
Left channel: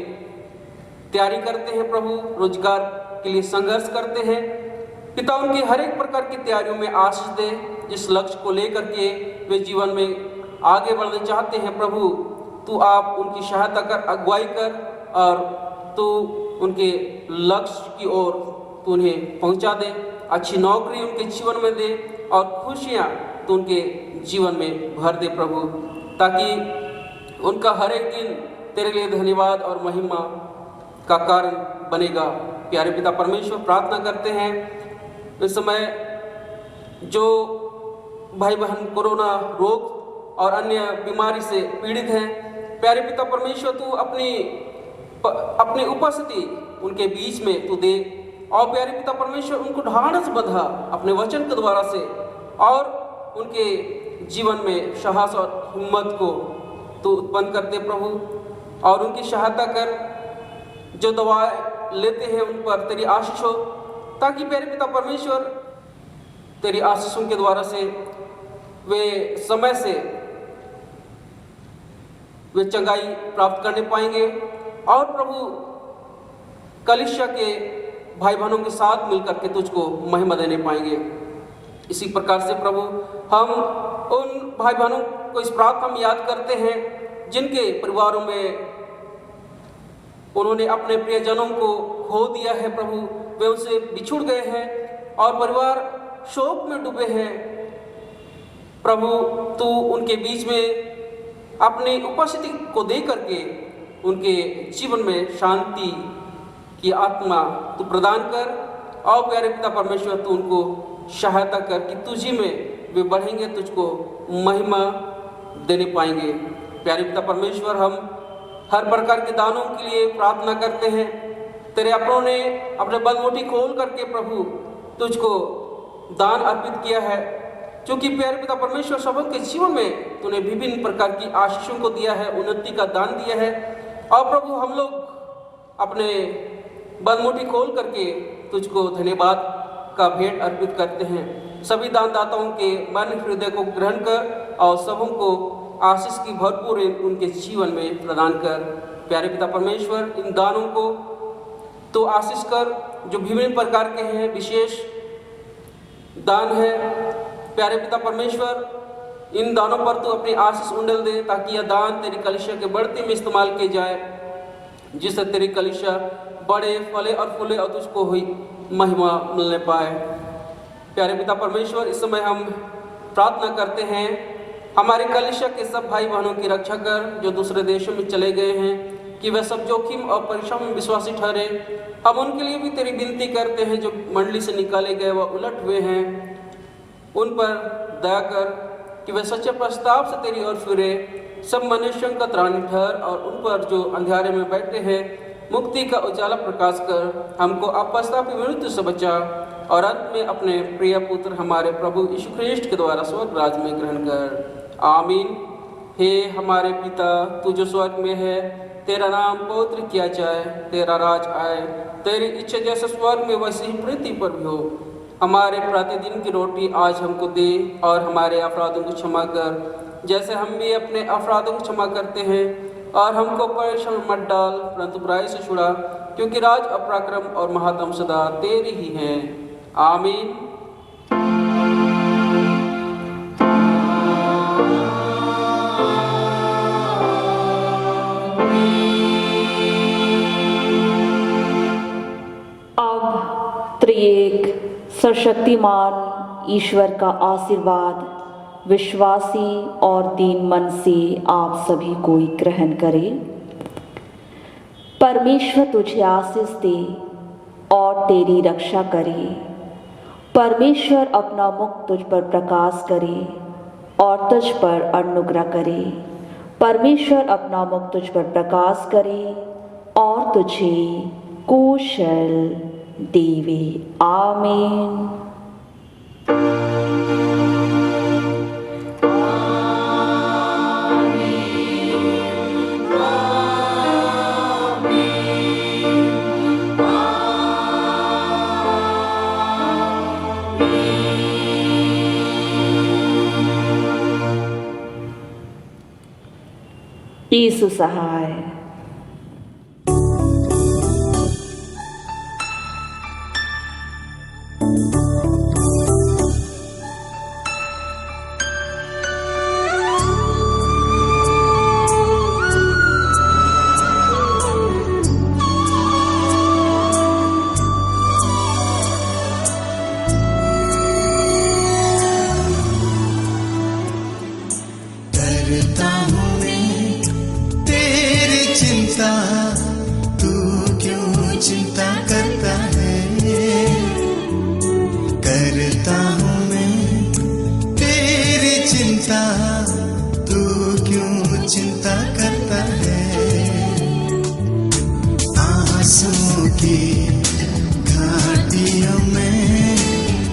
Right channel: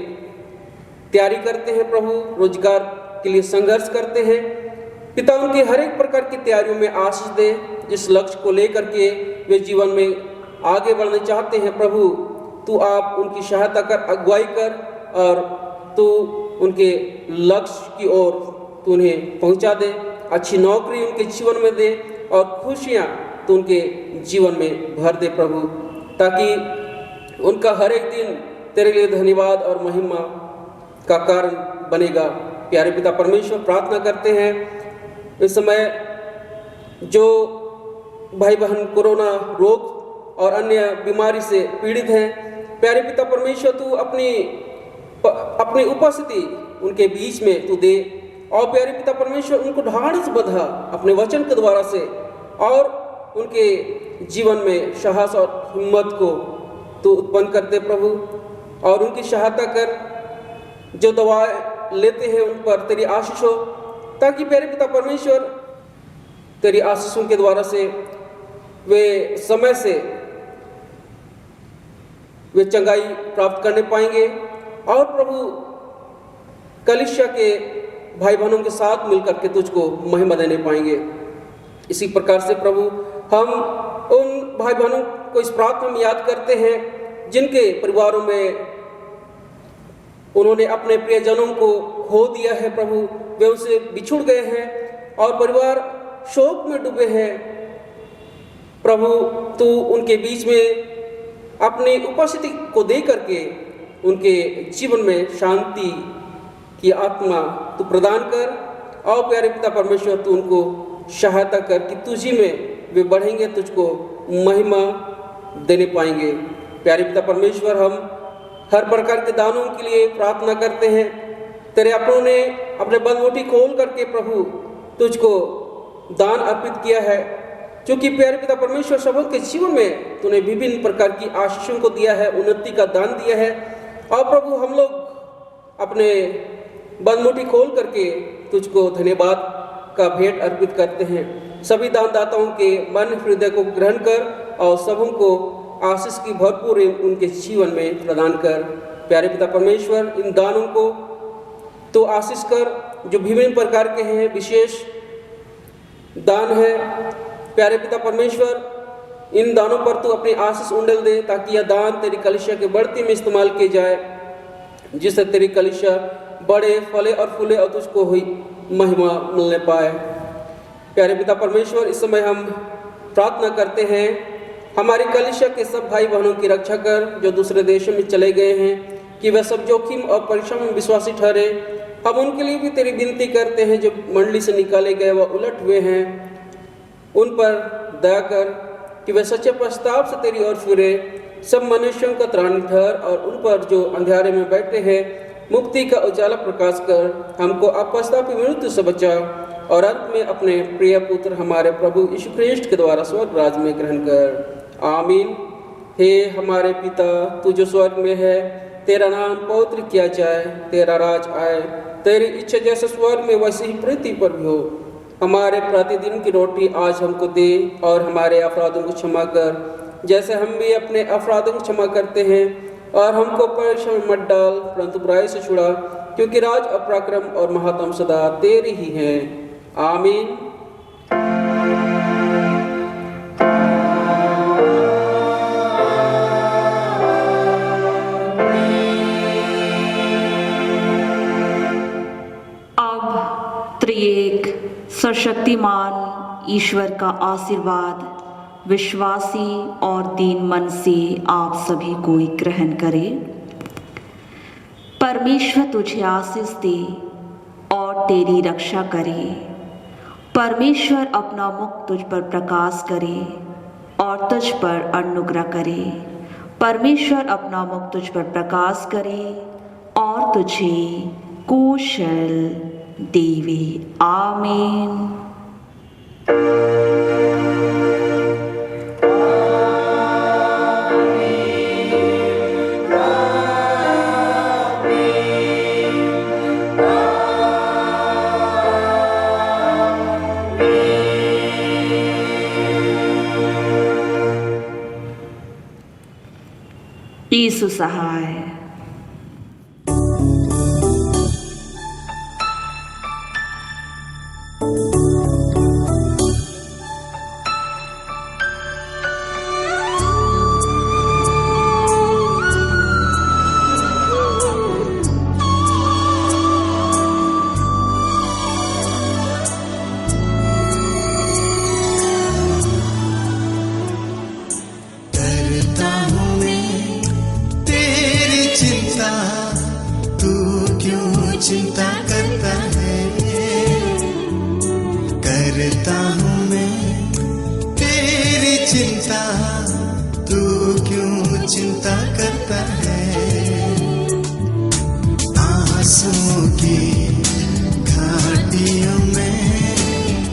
तैयारी करते हैं। प्रभु, रोजगार के लिए संघर्ष करते हैं। पिता, उनकी हर एक प्रकार की तैयारियों में आशीष दे, जिस लक्ष्य को लेकर के वे जीवन में आगे बढ़ना चाहते हैं। प्रभु, तू आप उनकी सहायता कर, अगुवाई कर और तू उनके लक्ष्य की ओर तू उन्हें पहुंचा दे। अच्छी नौकरी उनके जीवन में दे और खुशियां तू उनके जीवन में भर दे प्रभु, ताकि उनका हर एक दिन तेरे लिए धन्यवाद और महिमा का कारण बनेगा। प्यारे पिता परमेश्वर, प्रार्थना करते हैं इस समय जो भाई बहन कोरोना रोग और अन्य बीमारी से पीड़ित हैं, प्यारे पिता परमेश्वर तू अपनी उपस्थिति उनके बीच में तू दे और प्यारे पिता परमेश्वर उनको ढाढ़स बंधा अपने वचन के द्वारा से और उनके जीवन में साहस और हिम्मत को तू उत्पन्न करते प्रभु, और उनकी सहायता कर। जो दवाएं लेते हैं उन पर तेरी आशीष हो, ताकि प्यारे पिता परमेश्वर तेरी आशीषों के द्वारा से वे समय से वे चंगाई प्राप्त करने पाएंगे और प्रभु कलीसिया के भाई बहनों के साथ मिलकर के तुझको महिमा देने पाएंगे। इसी प्रकार से प्रभु हम उन भाई बहनों को इस प्रार्थना में याद करते हैं जिनके परिवारों में उन्होंने अपने प्रियजनों को खो दिया है। प्रभु वे उनसे बिछुड़ गए हैं और परिवार शोक में डूबे हैं। प्रभु तू उनके बीच में अपनी उपस्थिति को दे करके उनके जीवन में शांति की आत्मा तू प्रदान कर और प्यारे पिता परमेश्वर तू उनको सहायता कर कि तुझी में वे बढ़ेंगे, तुझको महिमा देने पाएंगे। प्यारे पिता परमेश्वर हम हर प्रकार के दानों के लिए प्रार्थना करते हैं। तेरे अपनों ने अपने बलमुट्ठी खोल करके प्रभु तुझको दान अर्पित किया है, क्योंकि प्यारे पिता परमेश्वर सबों के जीवन में तूने विभिन्न प्रकार की आशीषों को दिया है, उन्नति का दान दिया है। और प्रभु हम लोग अपने बलमुट्ठी खोल करके तुझको धन्यवाद का भेंट अर्पित करते हैं। सभी दानदाताओं के मन हृदय को ग्रहण कर और सबों को आशीष की भरपूर उनके जीवन में प्रदान कर। प्यारे पिता परमेश्वर इन दानों को तो आशीष कर जो विभिन्न प्रकार के हैं, विशेष दान है। प्यारे पिता परमेश्वर इन दानों पर तू अपनी आशीष उंडेल दे ताकि यह दान तेरी कलीसिया के बढ़ती में इस्तेमाल किए जाए, जिससे तेरी कलीसिया बड़े फले और फूले और तुझको हुई महिमा मिलने पाए। प्यारे पिता परमेश्वर इस समय हम प्रार्थना करते हैं हमारी कलीसिया के सब भाई बहनों की रक्षा कर जो दूसरे देशों में चले गए हैं, कि वह सब जोखिम और परीक्षा में विश्वासी ठहरे। हम उनके लिए भी तेरी विनती करते हैं जो मंडली से निकाले गए व उलट हुए हैं, उन पर दया कर कि वे सच्चे प्रस्ताव से तेरी ओर फिरे। सब मनुष्यों का त्राण ठहर और उन पर जो अंधेरे में बैठे हैं मुक्ति का उजाला प्रकाश कर। हमको अपस्तापी मृत्यु से बचा और अंत में अपने प्रिय पुत्र हमारे प्रभु यीशु ख्रिस्ट के द्वारा स्वर्ग राज में ग्रहण कर। आमीन। हे हमारे पिता तू जो स्वर्ग में है, तेरा नाम पवित्र किया जाए, तेरा राज आए, तेरी इच्छा जैसे स्वर्ग में वैसे ही पृथ्वी पर भी हो। हमारे प्रतिदिन की रोटी आज हमको दे और हमारे अपराधों को क्षमा कर जैसे हम भी अपने अपराधों को क्षमा करते हैं, और हमको परीक्षा में मत डाल परंतु बुराई से छुड़ा, क्योंकि राज अपराक्रम और महात्म सदा तेरी ही है। आमीन। अब त्रिएक सर्वशक्तिमान ईश्वर का आशीर्वाद विश्वासी और दीन मन से आप सभी को ग्रहण करें। परमेश्वर तुझे आशीष दे और तेरी रक्षा करे। परमेश्वर अपना मुख तुझ पर प्रकाश करे और तुझ पर अनुग्रह करे। परमेश्वर अपना मुख तुझ पर प्रकाश करे और तुझे कुशल देवे। आमीन। यीशु सहाय। चिंता करता है, करता हूँ मैं तेरी चिंता, तू क्यों चिंता करता है। आंसुओं की घाटियों में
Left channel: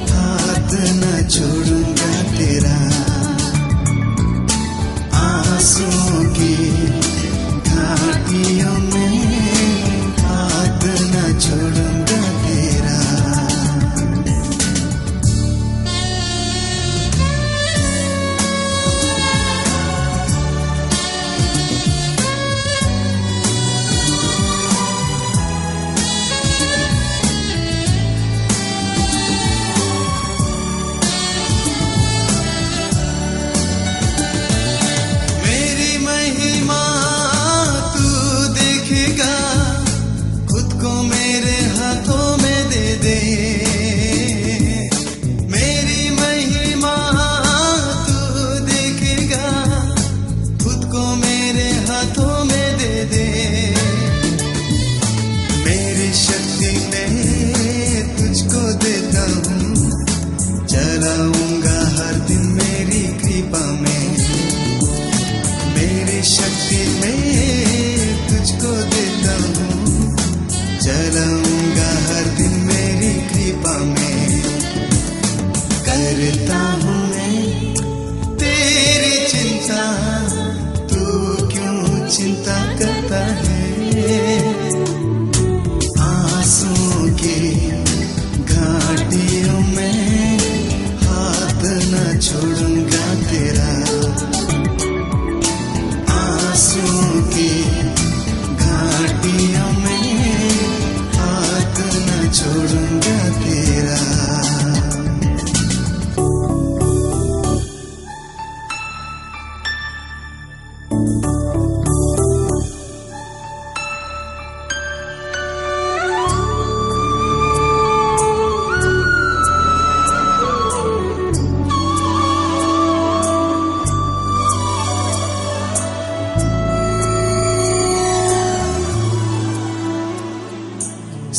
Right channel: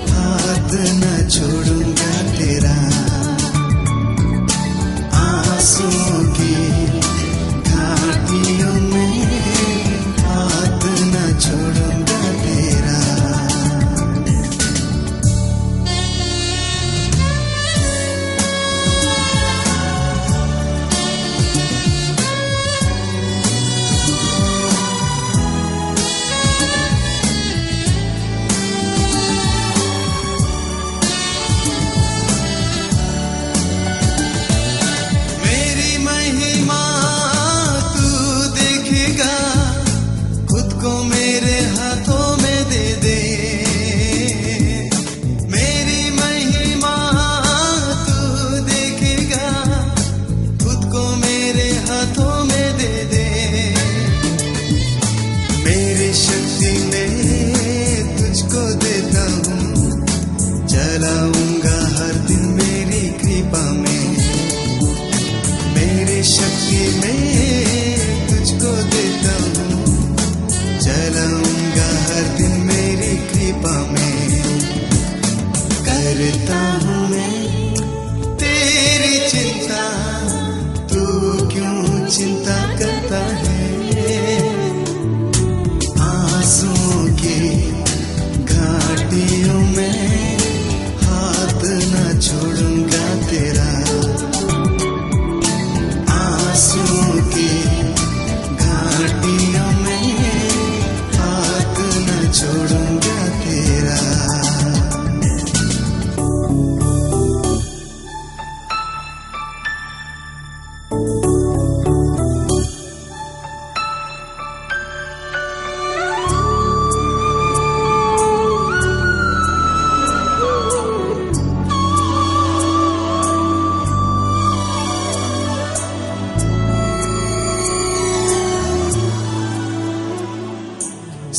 हाथ न छोड़ूंगा तेरा, आंसुओं की घाटियों में हाथ न छोड़ूंगा तेरा।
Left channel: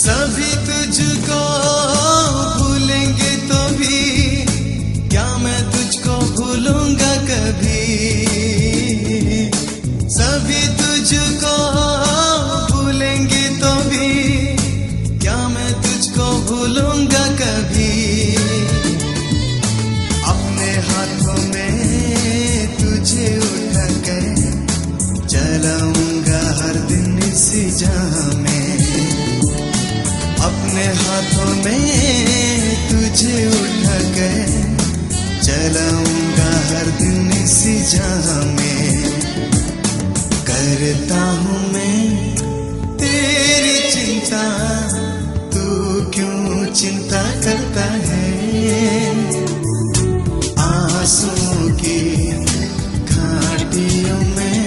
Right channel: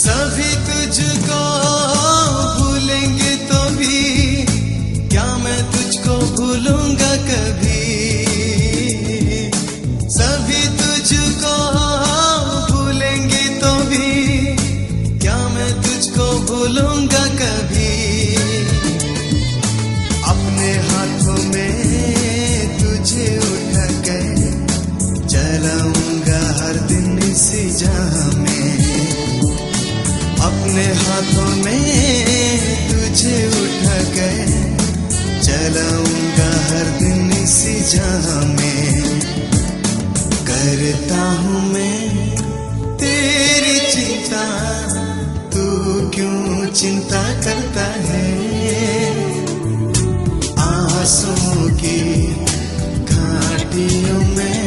सभी तुझको भूलेंगे तो भी क्या मैं तुझको भूलूंगा कभी। सभी तुझको भूलेंगे तो भी क्या मैं तुझको भूलूंगा कभी। अपने हाथों में तुझे उठा के चलाऊंगा हर दिन इसी जहां में। अपने हाथों में तुझे उठा के चलाऊंगा हर दिन इसी जहां में। करता हूँ मैं तेरी चिंता, तू क्यों चिंता करता है। आंसुओं की घाटियों में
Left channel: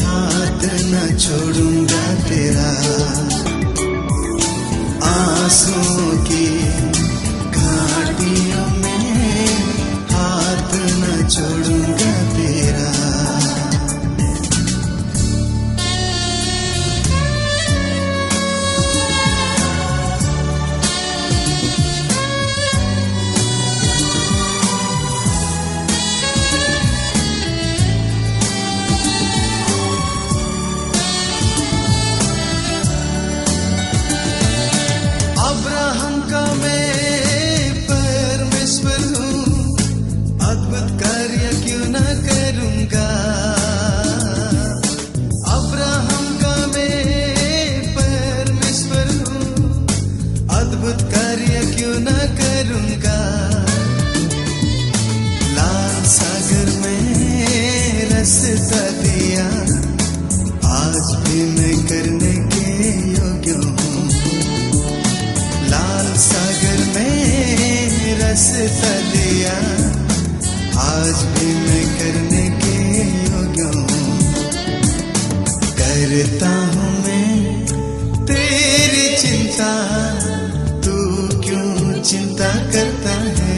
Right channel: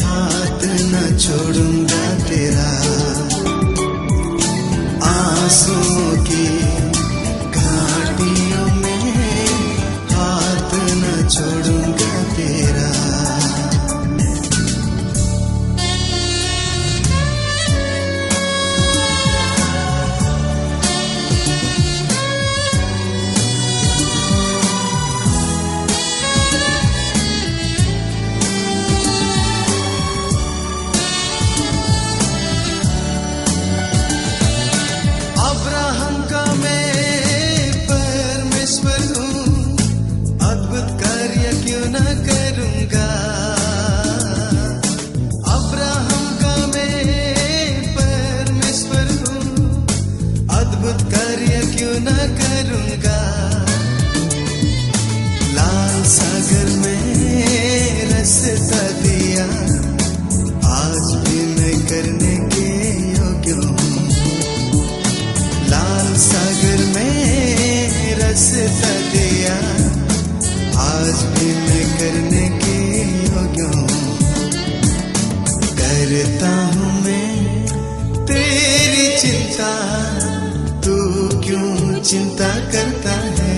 हाथ न छोड़ूंगा तेरा। आंसुओं की घाटियों में हाथ न छोड़ूंगा तेरा। अब्राहम का मैं परमेश्वर हूँ, अद्भुत कार्य क्यों न करूँगा। अब्राहम का मैं परमेश्वर हूँ, अद्भुत कार्य क्यों न करूँगा। लाल सागर में रास्ता दिया, आज भी मैं करने के योग्य हूँ। लाल सागर में रास्ता दिया, आज भी मैं करने के योग्य हूँ। करता हूँ मैं तेरी चिंता, तू क्यों चिंता करता है।